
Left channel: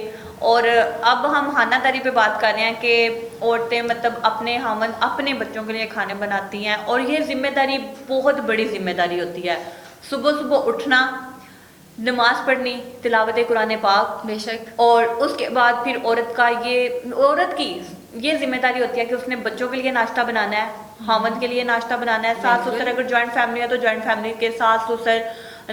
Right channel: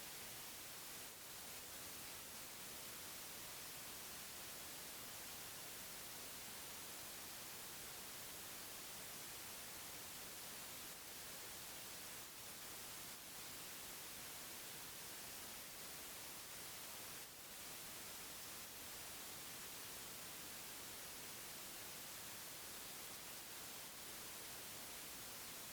और अब हम खानादारी पे बात कर रहे हैं कि औरतें मतलब अपने हामन अपने बच्चों के लिए खाने बनाती हैं, और ये जिम्मेदारी बहुत बड़ी जिम्मेदारी होती है। सुबह सुबह उठना, नमाज पढ़नी, तिलावत कुरान पाक, बेशक। और उसके बाद फिर औरत की ये जिम्मेदारी होती है कि उसने बच्चों के लिए नाश्ता बनाना है, हामद के लिए नाश्ता बनाना है, सास बिल्कुल। ससुर अगर ज्वाइंट फैमिली है तो ज्वाइंट फैमिली के सास ससुर,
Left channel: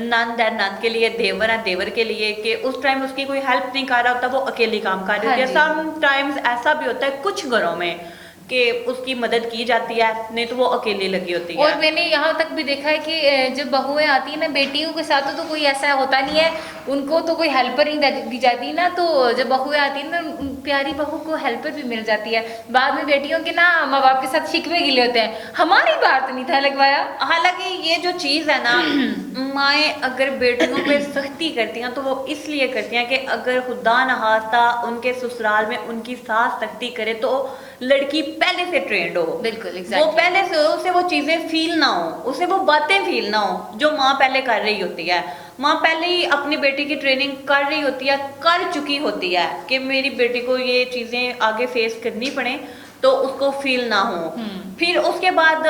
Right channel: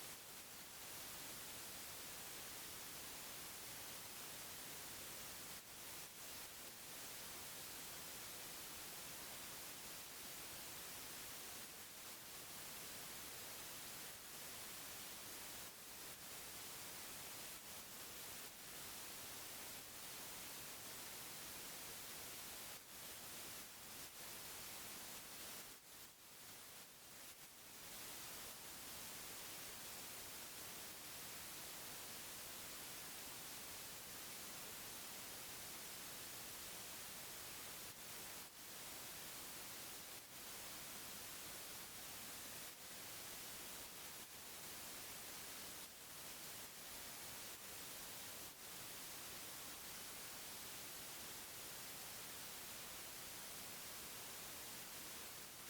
नंद है नंद के लिए, देवर है देवर के लिए, कि उस टाइम उसकी कोई हेल्प नहीं कर रहा होता, वो अकेली काम कर रही होती है। हाँ सम टाइम्स ऐसा भी होता है कुछ घरों में कि उसकी मदद की जाती है, नहीं तो वो अकेली लगी होती है। और मैंने यहाँ तक भी देखा है कि जब बहुएं आती है ना, बेटियों के साथ तो कोई ऐसा होता नहीं है, उनको तो कोई हेल्पर नहीं दी जाती ना, तो जब बहुएं आती है ना, प्यारी बहू को हेल्पर भी मिल जाती है। बाद में बेटियों के ना माँ बाप के साथ शिकवे गिले होते हैं, हमारी बार तो नहीं था लगवाया। हालांकि ये जो चीज है ना, माएँ अगर बेटियों पे सख्ती करती हैं तो वो इसलिए करती हैं कि अगर खुदा न खास्ता उनके ससुराल में उनकी सास सख्ती करे तो लड़की पहले से ट्रेंड हो, बिल्कुल, वो एग्जैक्टली। पहले से उसे वो चीजें फील ना हो, उसे वो बातें फील ना हो जो माँ पहले कर रही होती है। माँ पहले ही अपनी बेटी की ट्रेनिंग कर रही होती है, कर चुकी होती है कि मेरी बेटी को ये चीजें आगे फेस करनी पड़े, तो उसको फील ना हो। फिर उसके बाद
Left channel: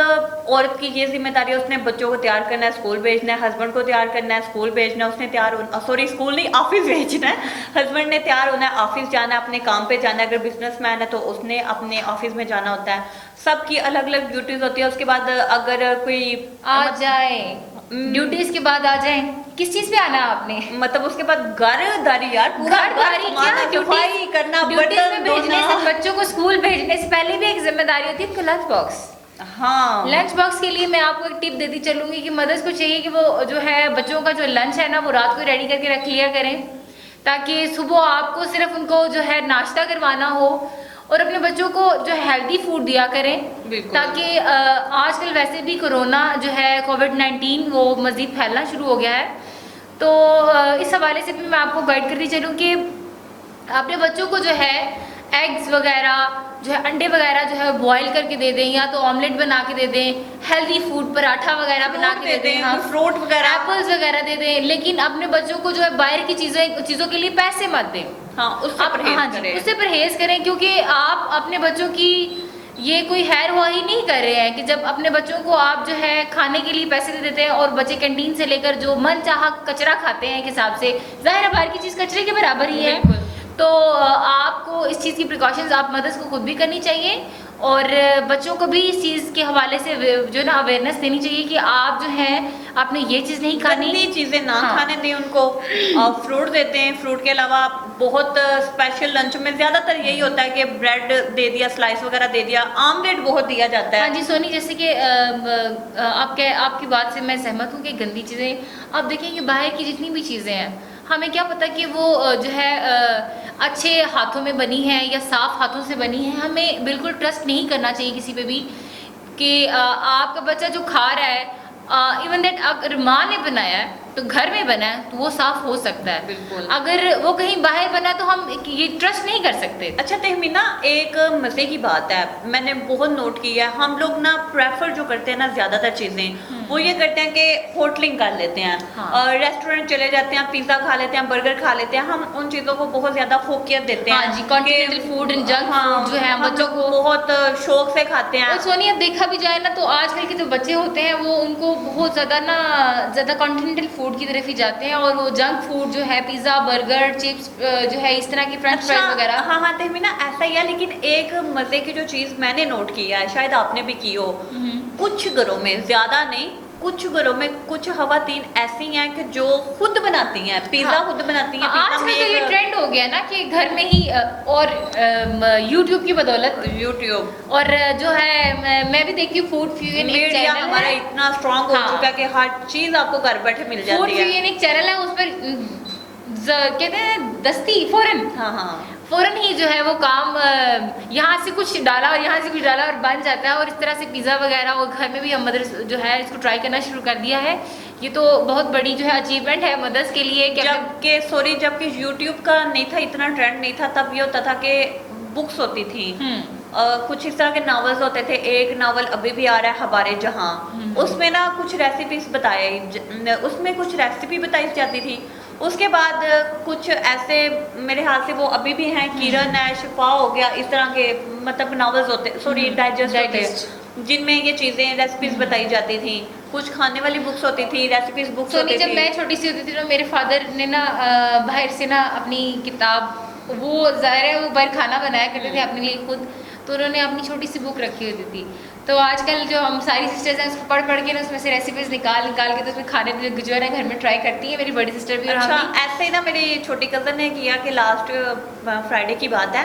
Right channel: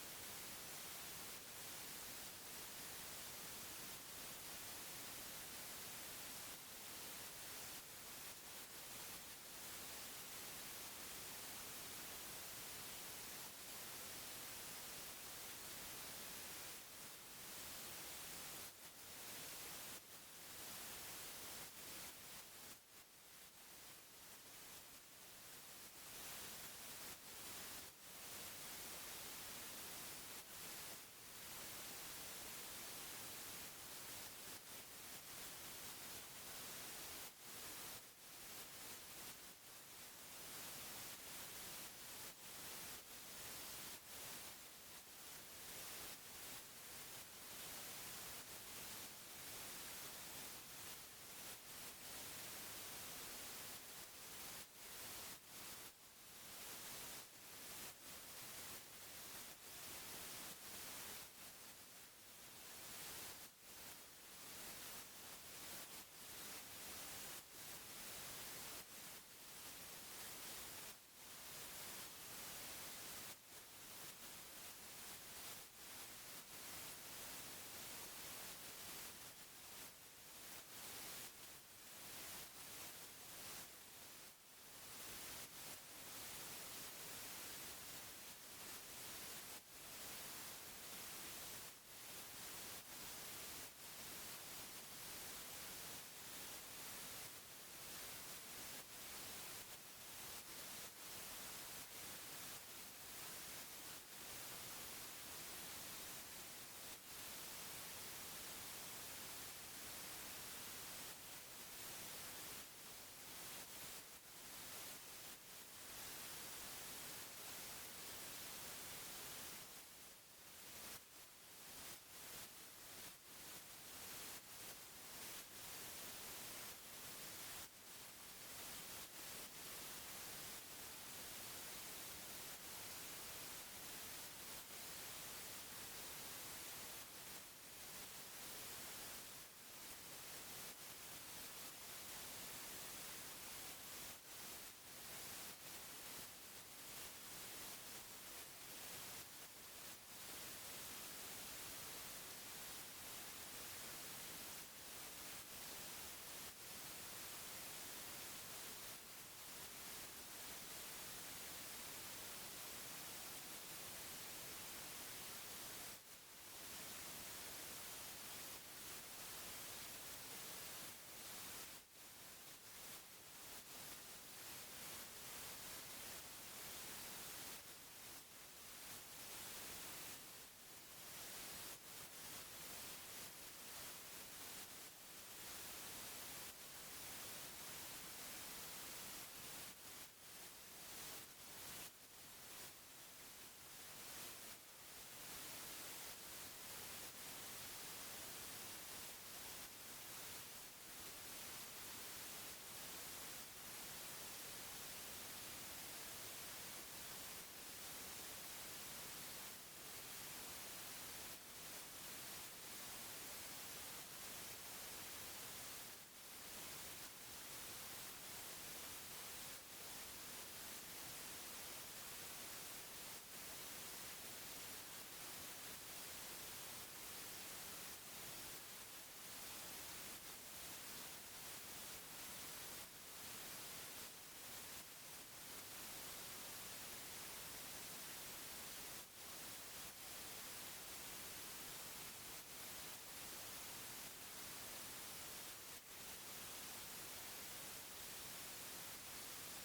औरत की ये जिम्मेदारी है, उसने बच्चों को तैयार करना है, स्कूल भेजना है, हस्बैंड को तैयार करना है, स्कूल भेजना है, उसने तैयार होना, सॉरी स्कूल नहीं ऑफिस भेजना है, हस्बैंड ने तैयार होना है, ऑफिस जाना है, अपने काम पे जाना है, अगर बिजनेसमैन है तो उसने अपने ऑफिस में जाना होता है। सबकी अलग अलग ड्यूटीज होती है। उसके बाद अगर कोई आ जाए ड्यूटीज के बाद आ जाए, किस चीज पे आना है आपने? मतलब उसके बाद घरदारी यार, पूरा घर घरदारी संभालना, क्या, सफाई करना, ड्यूटीज बर्तन में भेजने से, धोना। बच्चों को स्कूल भेजने से पहले भी एक जिम्मेदारी होती है उनको लंच बॉक्स। हाँ, लंच बॉक्स के लिए मैं आपको एक टिप देती चलूंगी कि मदर्स को चाहिए कि वो जो है बच्चों का जो लंच है ना, वो रात को रेडी करके रख लिया करें, ताकि सुबह आपको सिर्फ उनको जो है नाश्ता करवाना हो, और अपने बच्चों को जो हेल्दी फूड दिया करें, बिल्कुल। ताकि आजकल वैसे भी कोरोना जो है कोविड-19 वो मज़ीद फैलना शुरू हो गया है। तो इस हवाले से भी मैं आपको गाइड करती चलूँ कि अपने बच्चों को जो है एग्स वगैरह जो है, अंडे वगैरह जो है बॉईल करके दे दें, या तो ऑमलेट बना के दे दें, हेल्दी फूड पराठा वगैरह बना के दे दें, हाँ, फ्रूट वगैरह, एप्पल्स वगैरह दे दें, लेकिन अपने बच्चों को जो है बाहर की चीज़ों के लिए पैसे मत दें। हाँ, उससे परहेज हाँ जी, करें। उससे परहेज करें, क्योंकि आप अपने बच्चों की ये कोई खैर हुआही नहीं कर रहे हैं कि जब अपने बच्चों को आप जो है खाने के लिए पैसे दे देते हैं और बच्चे कैंटीन से लेकर जो मन चाहा कचरा खाते हैं एक हिसाब से, जाहिर है बाहर की चीज़ कचरे के बराबर ही है। तो आपको इस चीज़ की प्रिकॉशंस आप मदर्स को खुद भी करनी चाहिए और बच्चों को भी इस चीज़ के हवाले से जो है ना अवेयरनेस देनी चाहिए कि आप जो है आपने ये चीज़ नहीं खानी। गंदी चीजें ना हाँ। खाने दें उनको। फ्रूट देते हैं, फ्रूट के अलावा बहुत स्पेशल लंच में ज्यादातर यही होता है कि ब्रेड दे दिया, स्लाइस वगैरह दे दिया, आमलेट बहुत दिया जाता हाँ है। जी सोनी, जैसे कि आपकी बात से मैं सहमत हूँ कि गंदी चीज़ें आप देखें कि बाहर की जितनी भी चीज़ें हैं हमें क्या पता कि वो जो है अच्छे हाथों में बनी है या साफ हाथों से बनी है। हमें बिल्कुल ट्रस्ट नहीं करना चाहिए किसी पे भी कि आपका बच्चा जो खा रहा है इवन दैट अगर माँ ने बनाया है तो घर में बना है तो वो साफ हो सकता है। बिल्कुल। अगर वो कहीं बाहर बना है तो हम ये ट्रस्ट नहीं कर सकते। अच्छा तहमीना, एक मजे की बात है, मैंने बहुत नोट किया है, हम लोग ना प्रेफर जो करते हैं ना ज्यादातर चीजें वो ये करते हैं कि होटलिंग कर लेते हैं। हाँ। और रेस्टोरेंट चले जाते हैं, पिज्जा खा लेते हैं, बर्गर खा लेते हैं, हम उन चीजों को बहुत ज्यादा फोकियत देते हैं। हाँ जी, continental food and junk food जो है हम बच्चों लोग को बहुत शौक से खाते हैं। और सोनी अब देखा भी जाए ना तो आजकल के जो बच्चे होते हैं वो उनको बहुत ज़्यादा कॉन्टिनेंटल फूड की तरफ ही जाते हैं और वो जंक फूड जो है पिज़्ज़ा बर्गर चिप्स जो है इस तरह की फ्रेंच फ्राइज वगैरह। हाँ हाँ तहमीना, ऐसा ही है, लेकिन एक मजे की जो चीज मैंने नोट किया है, शायद आपने भी की हो, कुछ घरों में, ज्यादा नहीं, कुछ घरों में कुछ खवातीन ऐसी हैं कि जो खुद बनाती हैं पिज्जा। हाँ। खुद बनाती हैं। आजकल तो ये ट्रेंड हो गया ना कि घर में ही और यूट्यूब की बदौलत यूट्यूब और जो है मैं भी देखती हूँ फूड फ्यूजन एक मीडिया चैनल हमारा है। इतना स्ट्रांग हो हाँ। चुका है कि हर चीज आपको घर बैठे मिल फूड जाती है। फ्यूजन एक चैनल है, उस पर कहते हैं दस्ती फौरन हाँ हाँ फौरन ही जो है वो काम यहाँ से कुछ डाला और यहाँ से कुछ डाला और बन जाता है। और इस तरह से पिज़्ज़ा वगैरह और घर में भी हम मदर्स जो है इसको ट्राई करना शुरू कर दिया है। ये तो बहुत बड़ी जो है अचीवमेंट है मदर्स के लिए कि जबकि यूट्यूब का नहीं था, इतना ट्रेंड नहीं था, तब ये होता था कि बुक्स होती थी। कुछ इस तरह के नावल्स होते थे। एक नावल अभी भी आ रहा है, हमारे जहाँ, उसमें ना कुछ रेसिपीज उसमें कुछ रेसिपी बताई जाती थी। उसके बाद कुछ ऐसे मेरे हाथ से वो अभी भी हैं, किरण है, शिफा हो गया, इस तरह के मतलब नावल्स होते, सॉरी डाइजेस्ट, जिनमें ये चीजें रेसिपीज बताई जाती थी। कुछ खाने वाली बुक्स होती थी, रेसिपीज बुक्स होती थी। जब मैं छोटी सी होती थी ना मेरे फादर ने ना बाहर से ना अपनी किताब, वो ज़ाहिर है वो बाहर खाना बनाया करते थे अपने लिए खुद, तो उन्होंने अपनी छोटी सी बुक रखी होती थी। तो आजकल जो हम सारी सिस्टर्स हैं उसको पढ़ के ना उसमें से रेसिपीज निकाल के तो उसमें खाने जो है ना घर में ट्राई करती है मेरी बड़ी सिस्टर भी। अच्छा, ऐसे ही ना मेरी छोटी कज़न ने किया कि लास्ट फ्राइडे की बात है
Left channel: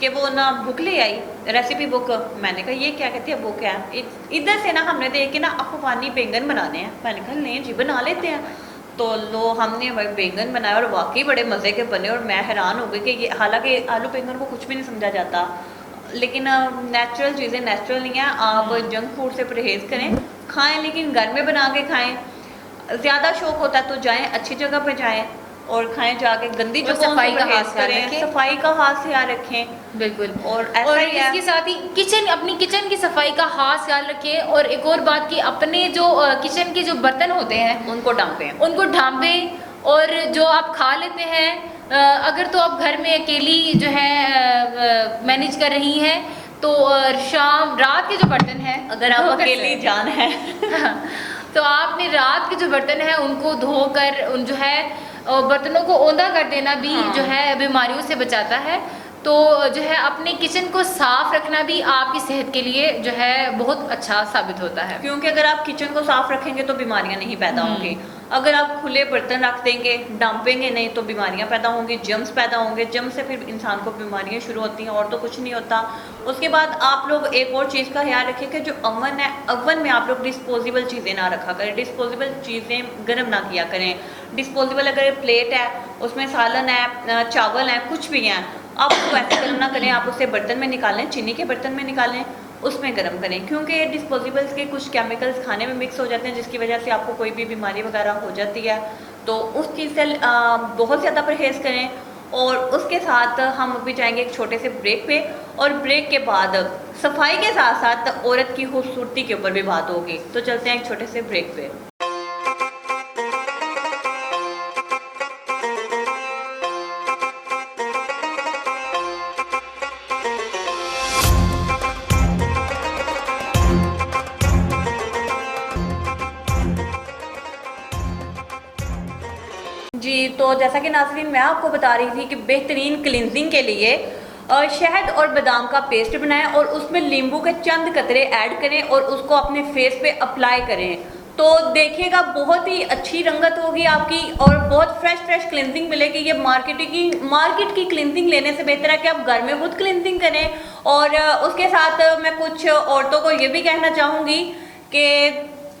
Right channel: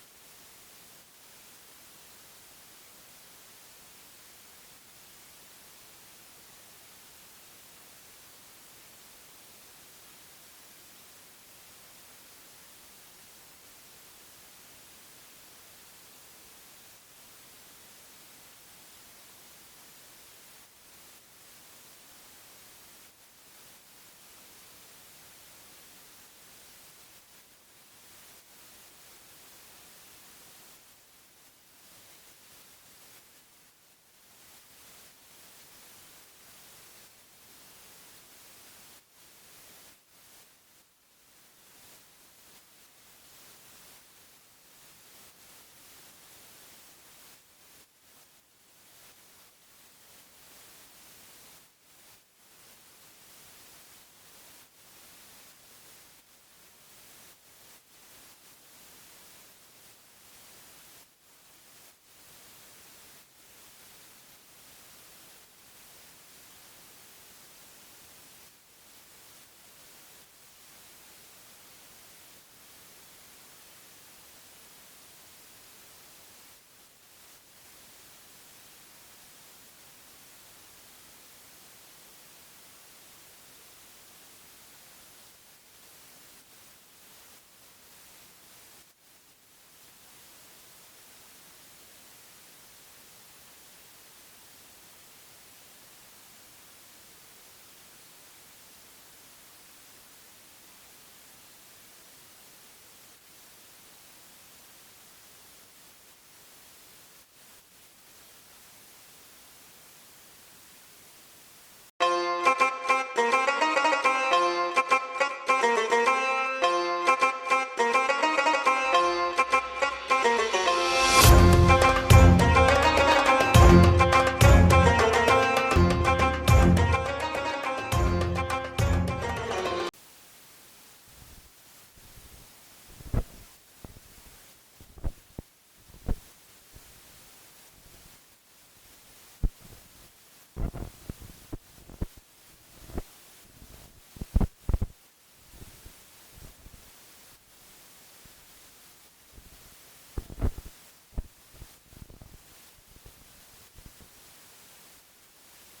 कि वो ना बुक ले आई, रेसिपी बुक। मैंने कहा ये क्या कहती है, बुक है। इधर से ना हमने देख के ना अफगानी बैंगन बनाने हैं। मैंने कहा नहीं जी, बना लेते हैं। तो लो हमने भाई बैंगन बनाया और वाकई बड़े मज़े के बने। और मैं हैरान हो गई कि ये, हालांकि आलू बैंगन को कुछ भी नहीं समझा जाता, लेकिन नेचुरल चीज़ें नेचुरल नहीं है। आप जंक फूड से परहेज करें, खाएं, लेकिन घर में बना के खाएं। ज़्यादा शौक होता है तो जाएं, अच्छी जगह पे जाएं और खाएं जाके। गंदी जगहों से परहेज करें, सफाई का खास ख्याल रखें। बिल्कुल। और ऐसा ही है, इसके साथ ही अपनी किचन की सफाई का खास ख्याल रखें। और एक और बात कि अपने जो किचन के जो बर्तन होते हैं उनको ढांपें और जो आप खा लेते हैं अगर तो आप घर में अकेली जो है मैनेज कर रही हैं तो रात के जो बर्तन हैं, अगर आप अकेली जान है तो आपने रात के जो बर्तन हैं उनको धोकर उन जो है बर्तनों को औंधा कर देना भी जो है बीमारियों से बचाता है। तो जो है अपने किचन को साफ रखना भी आपकी सेहत के लिए जो है बहुत अच्छा साबित होता है, क्योंकि अगर आप किचन को साफ रखेंगे तो बीमारियां नहीं पैदा होंगी। अगर आप खुले बर्तन रख देंगे, डांपेंगे नहीं, तो बीमारियां पैदा होंगी, जर्म्स पैदा होंगे। जर्म से फिर इंसान को बीमारियां शुरू होती हैं, और तो कुछ नहीं होता। उसके बाद आप लोग एक और चीज़ का ख्याल रखें कि जो अवन है, अवन में आप लोग डिस्पोजेबल चीज़ें ना रखा करें, डिस्पोजेबल चीज़ें गर्म ना किया करें। डिस्पोजेबल अगर प्लेट है, उसमें सालन है, चावल है, कुछ भी है, आप उसको ऐसे गर्म ना करें, आप उसे बर्तन में निकालें, चीनी के बर्तन में निकालें, उसमें गर्म करें। क्योंकि डिस्पोजेबल्स के कुछ केमिकल्स खाने में मिक्स हो जाते हैं, जिसकी वजह से आपको कोई भी बीमारी वगैरह हो जाती है। तो उस चीज़ से बहुत ज़्यादा परहेज़ करें। और उसके साथ हम अभी जाएंगे एक छोटे से ब्रेक पे, और ब्रेक के बाद सफाई के साथ साथ औरत की खूबसूरती के ऊपर भी बात होगी। तो चलते हैं एक छोटे से ब्रेक पे। जैसा कि नाज़रीन मैं आपको बता रही थी कि बेहतरीन क्लिनजिंग के लिए शहद और बादाम का पेस्ट बनाएं और उसमें नींबू के चंद कतरे ऐड करें और उसको अपने फेस पे अप्लाई करें, तो देखिएगा बहुत ही अच्छी रंगत होगी आपकी और बहुत फ्रेश क्लिनजिंग मिलेगी। ये मार्केट की क्लिनजिंग लेने से बेहतर है कि आप घर में खुद क्लिनजिंग करें। और उसके साथ मैं कुछ औरतों को ये भी कहना चाहूँगी कि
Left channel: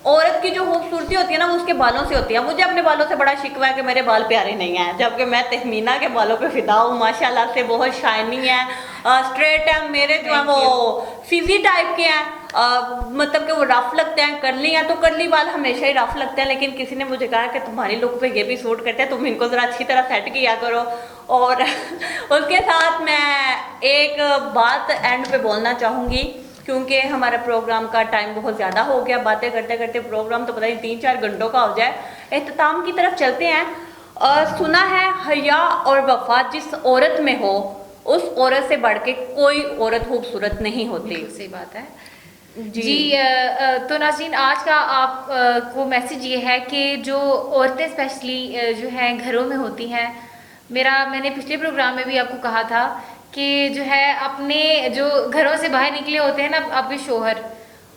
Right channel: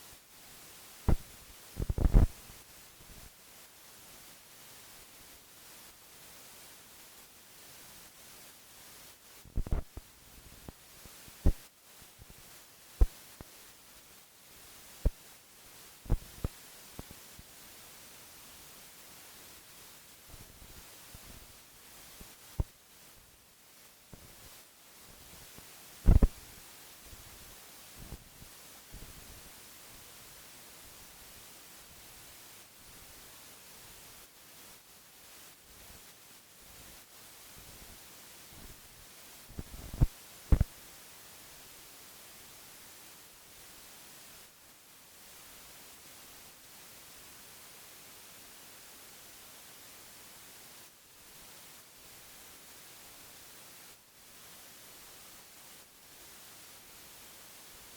औरत की जो खूबसूरती होती है ना वो उसके बालों से होती है। मुझे अपने बालों से बड़ा शिकवा है कि मेरे बाल प्यारे नहीं हैं, जबकि मैं तहमीना के बालों पे फिदा हूँ, माशाल्लाह से बहुत शाइनिंग है, स्ट्रेट है। मेरे जो है वो फिजी टाइप के हैं, मतलब कि वो रफ लगते हैं। करली हैं तो करली बाल हमेशा ही रफ लगते हैं, लेकिन किसी ने मुझे कहा कि तुम्हारी लुक पे ये भी सूट करते हैं, तुम इनको ज़रा अच्छी तरह सेट किया करो। और उसके साथ मैं एक बात एंड पे बोलना चाहूँगी, क्योंकि हमारा प्रोग्राम का टाइम बहुत ज़्यादा हो गया, बातें करते करते प्रोग्राम तो पता नहीं 3-4 घंटों का हो जाए। इख्तिताम की तरफ चलते हैं। सुना है हया और वफा जिस औरत में हो उस औरत से बढ़ के कोई औरत खूबसूरत नहीं होती। सही बात है जी, जी। तो नाज़रीन आज का आप को मैसेज ये है कि जो औरतें स्पेशली जो हैं घरों में होती हैं, मैंने पिछले प्रोग्राम में भी आपको कहा था कि जो है अपने जो घरों से बाहर निकले होते हैं ना आपके शोहर,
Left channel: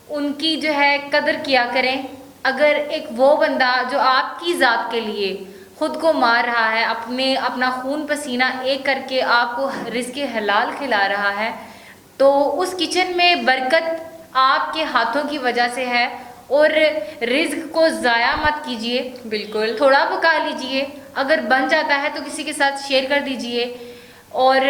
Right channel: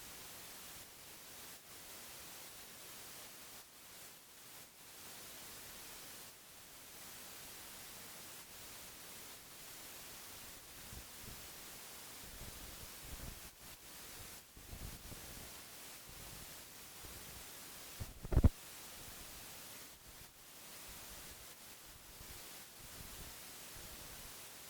उनकी जो है कदर किया करें। अगर एक वो बंदा जो आपकी ज़ात के लिए खुद को मार रहा है, अपना खून पसीना एक करके आपको रिज़्क़ हलाल खिला रहा है, तो उस किचन में बरकत आपके हाथों की वजह से है। और रिज़्क़ को ज़ाया मत कीजिए, बिल्कुल थोड़ा पका लीजिए, अगर बन जाता है तो किसी के साथ शेयर कर दीजिए। और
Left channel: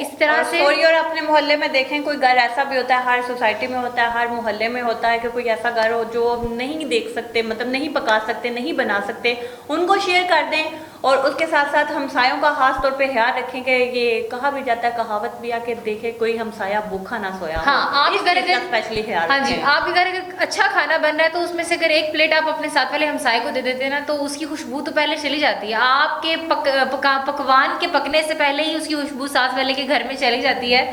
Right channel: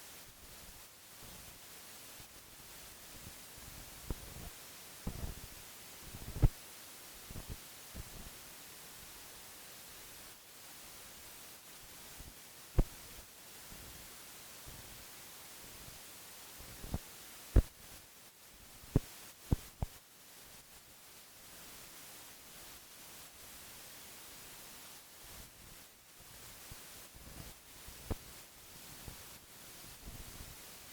इस तरह से और अपने मोहल्ले में देखें, कोई घर ऐसा भी होता है, हर सोसाइटी में होता है, हर मोहल्ले में होता है कि कोई ऐसा घर हो जो नहीं देख सकते, मतलब नहीं पका सकते, नहीं बना सकते, उनको शेयर कर दें। और उसके साथ साथ हमसायों का खास तौर पे ख्याल रखें कि ये कहा भी जाता है, कहावत भी आके देखे कोई हमसाया भूखा ना सोया। हाँ, आप इस अगर चीज़ का स्पेशली ख्याल हाँ जी, रखें। आप अगर अच्छा खाना बन रहा है तो उसमें से अगर एक प्लेट आप अपने साथ वाले हमसाये को दे देते हैं ना, तो उसकी खुशबू तो पहले चली जाती है। आपके पकवान के पकने से पहले ही उसकी खुशबू साथ वाले के घर में चली जाती है।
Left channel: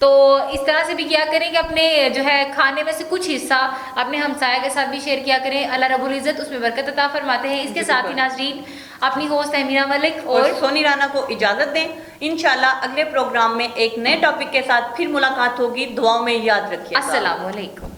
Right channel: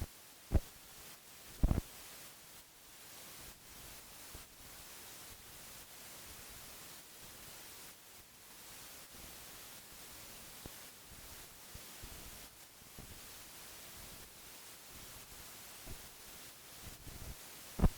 तो इस तरह से भी क्या करें कि अपने जो है खाने में से कुछ हिस्सा अपने हमसाया के साथ भी शेयर किया करें। अल्लाह रब्बुल इज़्ज़त उसमें बरकत अता फरमाते हैं। इसके साथ ही नाज़रीन अपनी होस्ट तहमीना मलिक और सोनी राना को इजाजत दें। इंशाल्लाह अगले प्रोग्राम में एक नए टॉपिक के साथ फिर मुलाकात होगी। दुआओं में याद रखिए। अस्सलाम वालेकुम।